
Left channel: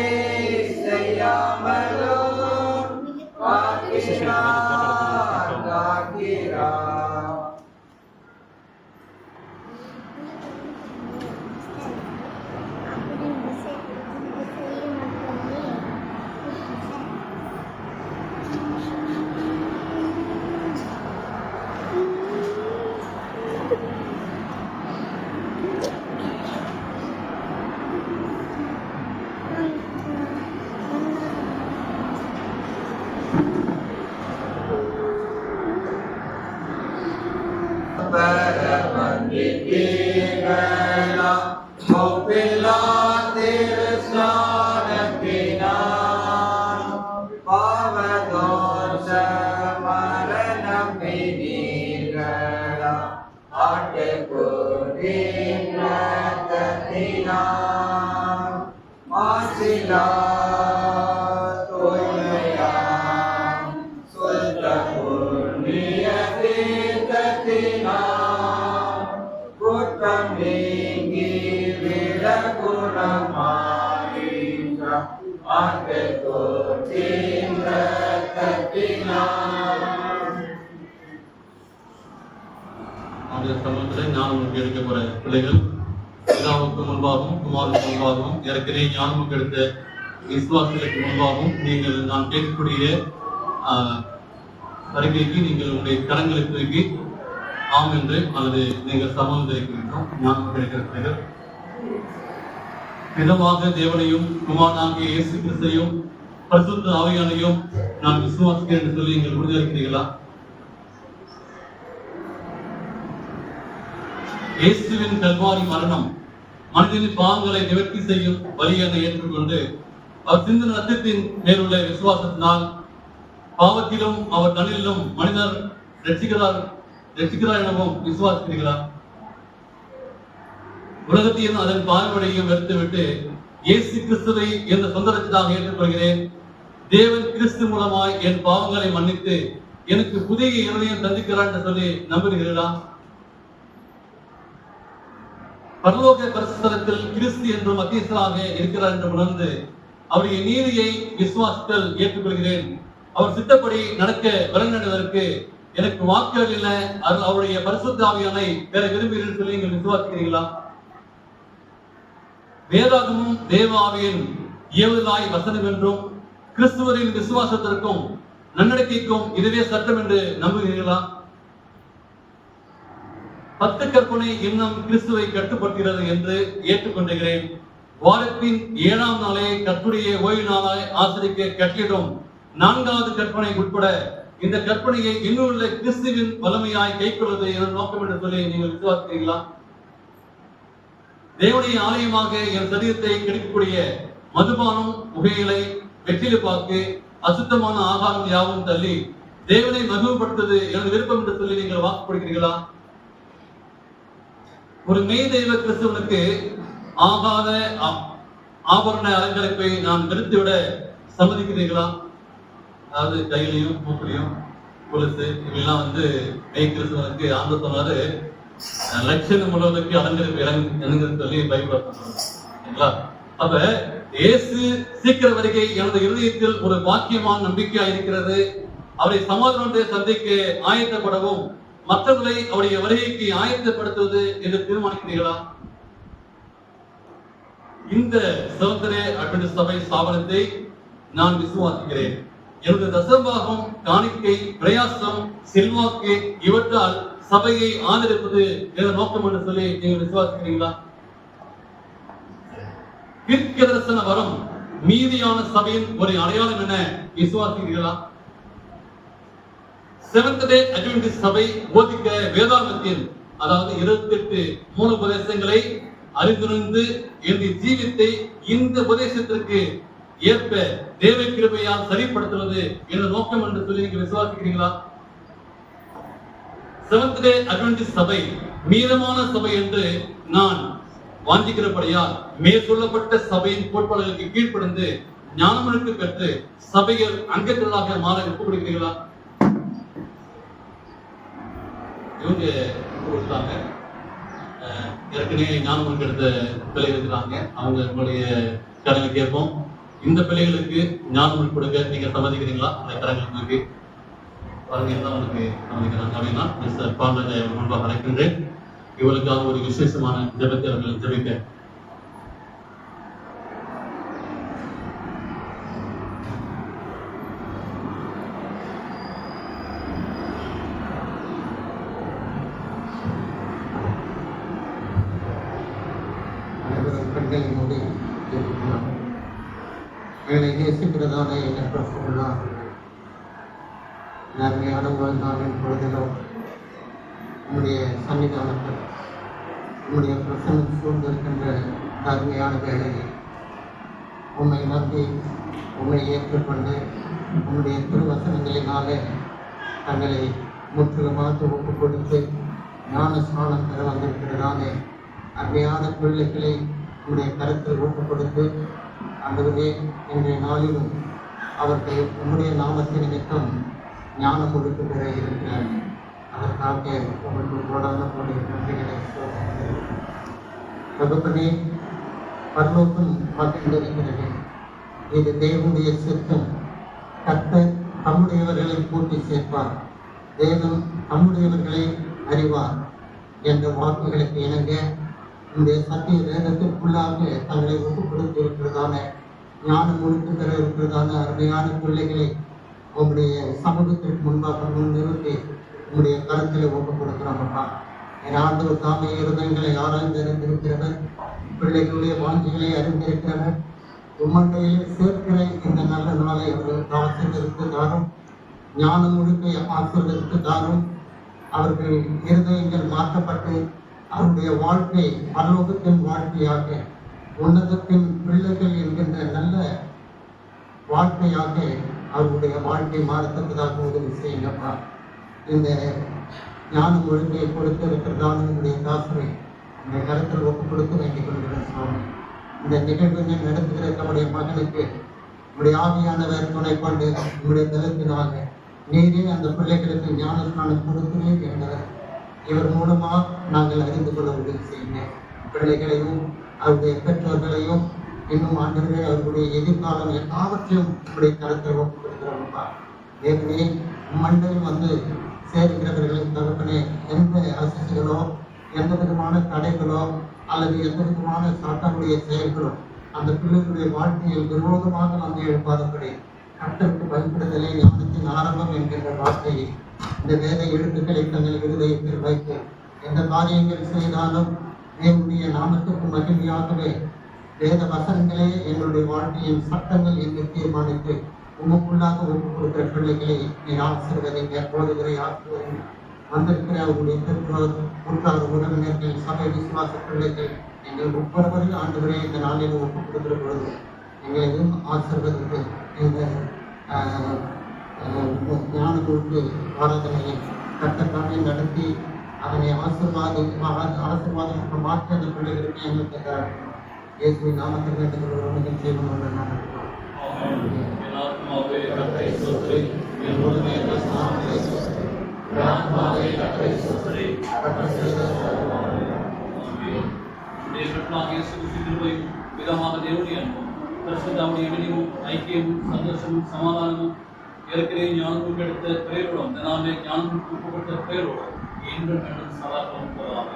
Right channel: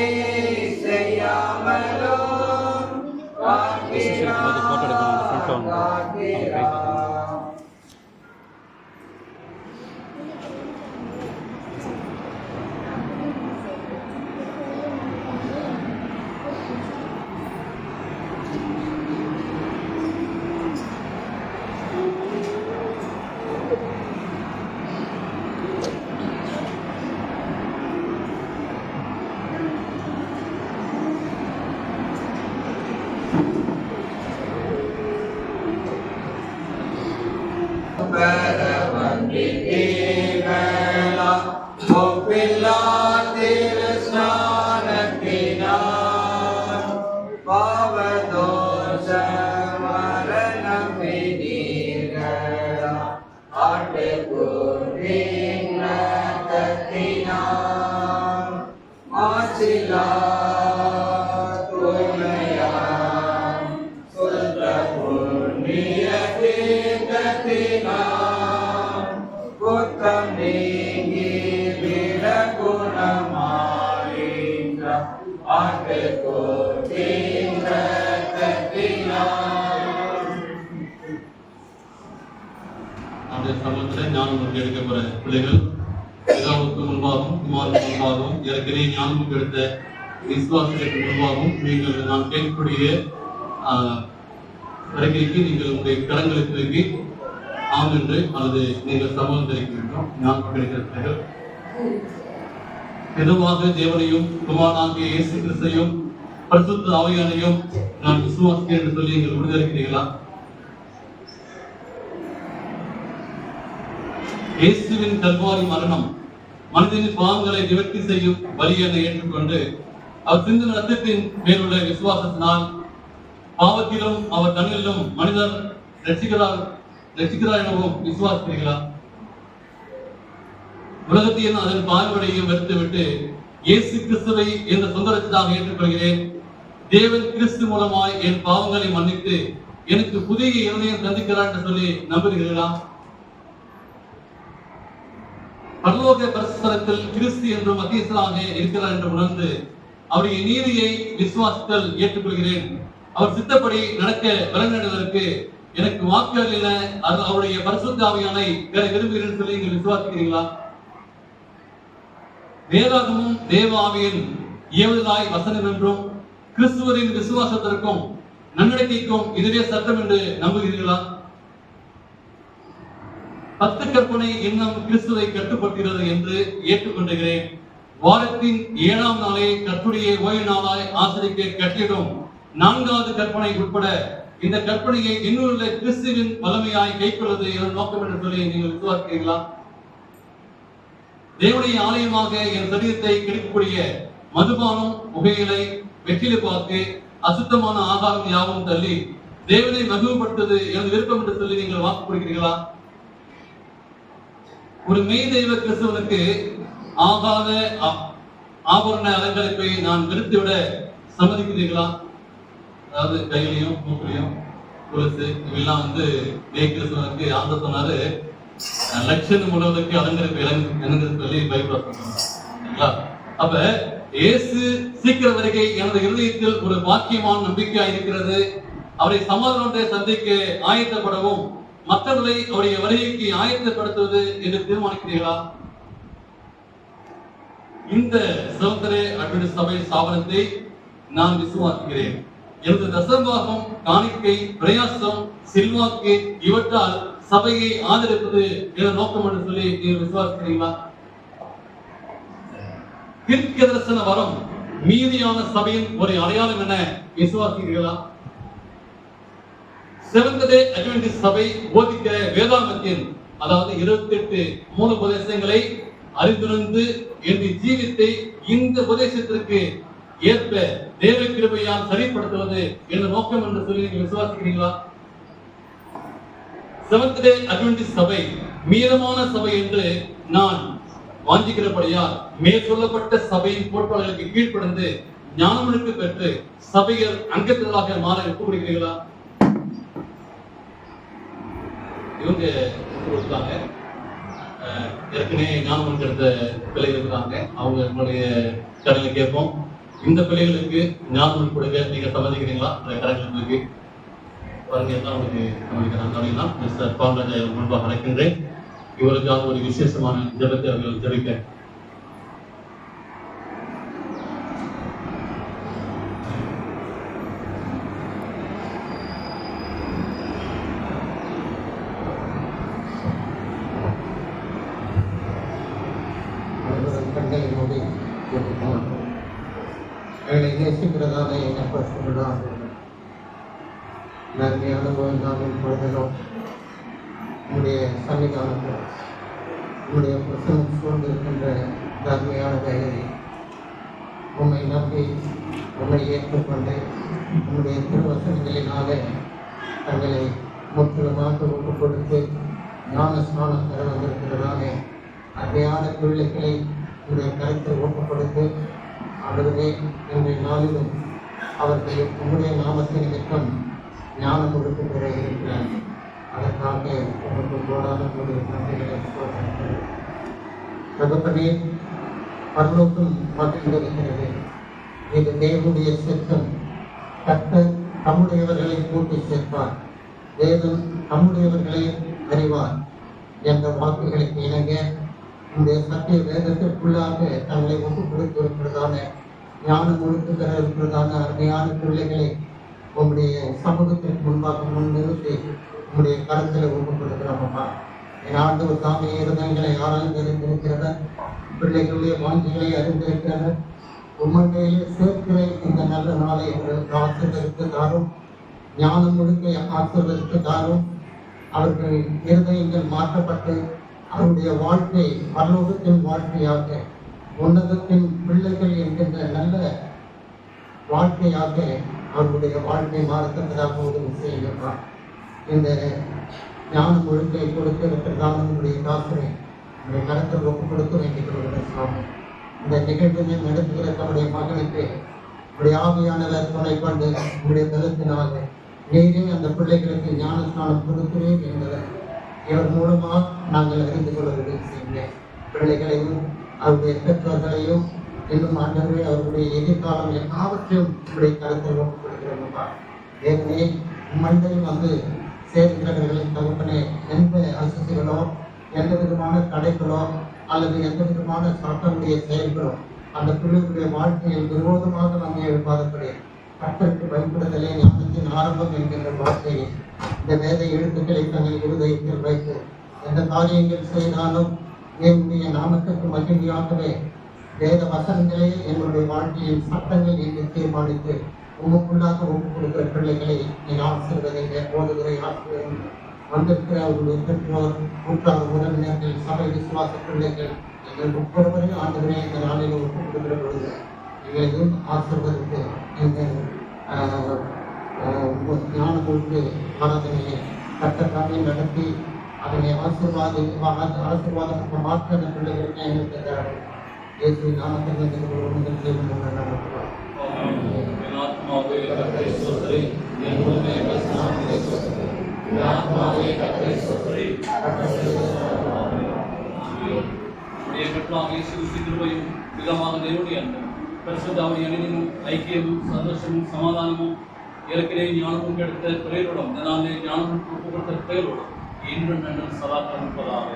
செய்யாமலும் காக்கிறார் காக்கிறார். அந்த சமயத்தில் ஞானமுக்கு எடுக்க போற பிள்ளைகள் பிதாவுக்கு முன்பாகவும் குமாருக்கு முன்பாகவும் ஏற்கனவே ஞானமுக்கு எடுத்த விசுவாசத்துக்கு முன்பாகவும் நீங்கள் நான் கேட்கக்கூடிய வருகைக்கு நீங்கள் உங்களுடைய கரங்களை தூக்கி ஆம் என்று அல்லது நீங்கள் சமூகம் தெரிவிக்கின்றோம். ஞானமுக்கு எடுக்கிற பிள்ளைகள் தினமாக தேவனையும் குமாரனாகிய இயேசு கிறிஸ்தையும் பரிசுத்த ஆவியானையும் நான் விசுவாசிக்கிறேன் என்று சொல்லி நீங்கள் உறுதியளிக்கிறீர்களா? இயேசுவின் கல்வாரி மரணம் மனிதனின் பாவங்களை நிவர்த்தி செய்யும் வழி என ஏற்றுக்கொண்டு அவர் சிந்தின ரத்தத்தின் மேலுள்ள விசுவாசத்தினால் பாவத்திலும் அவர் தன்னிலும் மனிதர் ரட்சிக்கிறார் எனவும் விசுவாசிக்கிறீர்களா? உலகத்தையும் அதன் பால்வடையையும் வெறுத்துவிட்டு இயேசு கிறிஸ்துவை என்ற சொந்த ரட்சகராக ஏற்றுக்கொள்கிறேன். தேவன் கிறிஸ்து மூலமாய் என் பாவங்களை மன்னித்து எனக்கு புதிய இருதயம் தந்திக்கிறார் என்று சொல்லி நம்புகிறீர்களா? பரலோக பரிசுத்தலத்தில் கிறிஸ்து என்று மத்தியஸ்தராக இருக்கிறார் என்று உணர்ந்து அவருடைய நீதியை விசுவாசத்தில் ஏற்றுக்கொள்கிறேன். அவர் சித்தப்படி நடக்க விளங்குவதற்கு எனக்கு வாக்குகள் இல்லை, அவருடைய பரிசுத்த ஆவியானை பெற விரும்புகிறேன் சொல்லி நீங்கள் விசுவாசிக்கிறீர்களா? வேதாகமும் தேவ ஆவியின் ஏவுதலாய் வசனம் என்றும் கிறிஸ்துவரின் விசுவாசத்திற்கும் நன்னடக்கைக்கும் இதுவே சட்டம் என்று நம்புகிறீர்களா? 10 கற்பனை இன்னும் கிறிஸ்துவை கட்டுப்படுகிறது என்று ஏற்றுக்கொண்டுகிறேன். வாரத்தின் 7ஆம் நாளை கர்த்தருடைய ஓய்வு நாளாய் ஆசரிக்க கட்டிடும் 4வது கற்பனை உட்பட இந்த கற்பனையை இன்னொரு கிறிஸ்துவின் வல்லமையாய் கைக்கொள்வது என் நோக்கம் என்று சொல்லி நீங்கள் விசுவாசிக்கிறீர்களா? தேவனுடைய ஆலயமாக என் சரீரத்தை கெடுக்கக்கூடிய மதுபானம், புகையிலை, வெற்றிலை பாக்கு, அசுத்தமான ஆகாரம் யாவும் தள்ளி தேவனை மகிழ்வுபடுத்துவது எனது விருப்பம் என்று சொல்லி நீங்கள் வாக்கு கொடுக்கிறீர்களா? ஒரு மெய் தெய்வ கிறிஸ்துவனுக்கு ஆகாத ஆபரண அலங்கரிப்பை நான் நிறுத்திவிட சம்மதிக்கிறீர்களா? அதாவது கையிலையும் மூக்கிலையும் கொலுசு இதெல்லாம் மெய் கிறிஸ்துவனுக்கு ஆண்டு சொன்னாரு, லட்சணம் முழுவதற்கு அலங்கரிப்பு இறங்குன்னு சொல்லி பயன்படுத்தா. அப்ப இயேசு சீக்கிர வருகை எனது இருதயத்தில் ஒரு பாக்கியமான நம்பிக்கையா இருக்கிறது. அவரை சமாதானத்தை சந்திக்க ஆயத்தப்படவும் மற்றவர்களை அவருடைய வருகைக்கு ஆயத்தப்படுத்துவது என்று தீர்மானிக்கிறீர்களா? இந்த செவன்த்-டே அட்வென்டிஸ்ட் சபை ஸ்தாபனத்தை நான் விசுவாசிக்கிறேன். எனது தசம்பாகம், காணிக்கை, பிரயாசம், செல்வாக்கு இவற்றால் சபையை ஆதரிப்பது என நோக்கம் என்று சொல்லி நீங்கள் விசுவாசிக்கிறீங்களா? தீர்க்கதரிசன வரம் மீதியான சபையின் ஒரு அடையாளம் என விசுவாசிக்கிறீர்களா? செவன்த்-டே அட்வென்டிஸ்ட் சபை போதிக்கிற வேதாகமத்தின் அதாவது 28 மூல உபதேசங்களை அறிந்துணர்ந்து எனது ஜீவித்தை இந்த உபதேசத்திற்கு ஏற்ப தேவ கிருபையால் சரிப்படுத்துவது என்ற நோக்கம் என்று சொல்லி நீங்க விசுவாசிக்கிறீங்களா? செவன்த்-டே அட்வென்டிஸ்ட் சபை மீதமான சபை என்று நான் வாஞ்சிக்கிறபடியால் மேற்கொள்ளப்பட்ட சபையின் கோட்பாடுகளுக்கு கீழ்ப்படிந்து ஞானமுழுக்கு கற்று சபைகள் அங்கத்தினராக மாற ஒப்புக்கொடுக்கிறீர்களா? இவங்க கொடுத்தாங்க, ஏற்கனவே ஞானமுழுக்கு எடுத்த பிள்ளைகள் இருக்கிறாங்க, அவங்களுடைய கடனை கேட்போம். இந்த பிள்ளைகளுக்கு ஞானமுழுக்கு கொடுக்க நீங்க சம்மதிக்கிறீங்களா? அந்த கடன்களுக்கு பாருங்க எல்லாம் உங்களுக்கு சம்மதிக்கிறாங்க அப்படின்னா மிஸ்டர் பாண்டஜாய் முன்பாக அழைக்கின்றேன். இவருக்காக ஒரு விசேஷமான ஜெபத்தை அவர்கள் ஜெபிக்க. கண்களை மூடி ஜெபிக்கலாம். எங்களை நேசிக்கிறதான எண்ணற்ற நன்மையான நாளின் பொழுதிலும் உங்களுடைய சன்னிதானத்தில் உங்களுடைய பிரசனம் சூழ்ந்திருக்கின்ற நன்மையான வேலையை உண்மை நம்பி உண்மை ஏற்றுக்கொண்டு உங்களுடைய திருவசனங்களினாலே தங்களை முற்றிலுமாக ஒப்புக் கொடுத்து ஞான ஸ்நானம் பெற வந்திருக்கிறதானே அருமையான பிள்ளைகளை உங்களுடைய கருத்தில் ஒப்புக் கொடுத்து ஆண்டவரே இன்றைய நாளிலும் அவர்கள் உங்களுடைய நாமத்தின் நிமித்தம் ஞானம் கொடுத்து பெற இருக்கிறார். அதற்காக உங்களுக்கு கோடான நன்றிகளை தகப்பனே, பரலோகம் மகிழ்ந்திருக்கிறது. இது தேவனுடைய சித்தம். கர்த்தர் தம்முடையவர்களை கூட்டி சேர்ப்பார், தேவன் தம்முடையவர்களை அறிவார் என்ற வாக்குகளுக்கு இணங்க இந்த சத்திய வேதத்திற்குள்ளாக தங்களை ஒப்புக் கொடுத்து இருக்கிறதான ஞானம் முழுக்க இருக்கிறதான அருமையான பிள்ளைகளை உங்களுடைய சமூகத்திற்கு முன்பாக முன்னிறுத்தி உங்களுடைய கருத்தில் ஒப்புக் கொடுக்கிறோம்ப்பா. என் ஆண்டவர் தாமே இருதயங்களை ஆராய்ந்து அறிந்திருக்கிறவர், பிள்ளைகளுடைய வாஞ்சிகளை அறிந்திருக்கிறவர். உம்மண்டையிலே சேர்க்கிற இந்த நல்ல நாளை அவர்களுக்கு ஆசிரியருக்கு தாரும், ஞானம் முழுக்க ஆசிரியருக்கு தாரும். அவர்கள் இருதயங்கள் மாற்றப்பட்டு அவருடைய வாழ்க்கை பரலோகத்தின் வாழ்க்கையாக, உன்னதத்தின் பிள்ளைகள் என்கின்ற நல்ல வாழ்க்கையாக அவருடைய வாழ்க்கை மாறத்தக்கதாக உதவி செய்யுங்கப்பா. இந்த ஞானம் ஒழுங்கை கொடுக்க இருக்கிறதான உங்களுடைய தாசரை உங்களுடைய கருத்தில் ஒப்புக் கொடுத்து வேண்டிக் கொள்கிறேன் சுவாமி. இந்த நிகழ்வினை நடத்துகிற தம்முடைய மகனுக்கு உங்களுடைய ஆவியானவர் துணை கொண்டு உங்களுடைய பலத்தினால நீரே அந்த பிள்ளைகளுக்கு ஞான ஸ்நானம் கொடுக்கிறேன் என்பதை இவர் மூலமாக நாங்கள் அறிந்து கொள்ள உதவி செய்யுங்க. பிள்ளைகளையும் அவருடைய பெற்றோர்களையும் இன்னும் ஆண்டவரே அவர்களுடைய எதிர்காலம் எல்லாவற்றையும் உங்களுடைய கருத்தில் ஒப்புக் கொடுக்கிறோம்ப்பா. ஏற்கனவே மண்டையில் சேர்க்கிறவர்களின் தகப்பனே எந்த அசதிகளோ எந்த விதமான தடைகளோ அல்லது எந்த விதமான சட்டமுடைய செயல்களோ அந்த பிள்ளைகளுடைய வாழ்க்கையில் விரோதமாக நம்ம எழுப்பாதபடி கட்டத்துக்கு பயன்படுத்தலை ஞானத்தின் ஆரம்பம் என்கின்ற வார்த்தையை இந்த வேத எழுத்துக்களை தங்கள் இருதயத்தில் வைத்து எந்த காரியங்கள் செய்தாலும் தேவனுடைய நாமத்திற்கு மகிழ்ச்சியாகவே வேத வசனங்களே எங்களுடைய வாழ்க்கையின் சட்டங்கள் என்று தீர்மானித்து உங்களுக்குள்ளாக ஒப்புக் கொடுக்கிற பிள்ளைகளை நீர் ஆசீர்வதிங்க. போதுகிற ஆசிரியர் வந்திருக்கிற அவருடைய பெற்றோர், கூட்டாளர், உறவினர்கள், சபை விசுவாச பிள்ளைகள், நீங்கள் ஒவ்வொருவரையும் ஆண்டவரே இந்த நாளில் ஒப்புக் கொடுக்கிற பொழுது எங்களையும் ஆசீர்வதித்து எங்கள் ஞானத்தோடு ஆராதனையை கட்டத்தாமே நடத்தி அதனை ஆசீர்வாதமாக மாற்ற அந்த பிள்ளைகளுக்கு எங்களுக்கு தரணும். இயேசுவின் நாமத்தில் நீங்கள் செய்வோம். என் ஆத்மாவே கர்த்தரை ஸ்தோத்திரி, என் முழுமே என் நாமத்தை ஸ்தோத்திரி. என் ஆத்மாவே கர்த்தரை ஸ்தோத்திரி. நம்முடைய பெற்றாக இயேசு கிறிஸ்து கிருபையும் விதமாக தேவனுடைய அன்பும் பரிசுத்தாவுடைய இணைவும் ஐக்கியமும் சந்தோஷமும் சமாதானமும் ஏற்கனவே ஞானமும் கிடைத்த பெயரோடும் இதனாலே ஞானம் ஒப்புக்கொடுத்த பெயரோடும் இன்றும் என்றும் சதா இருப்பதாக.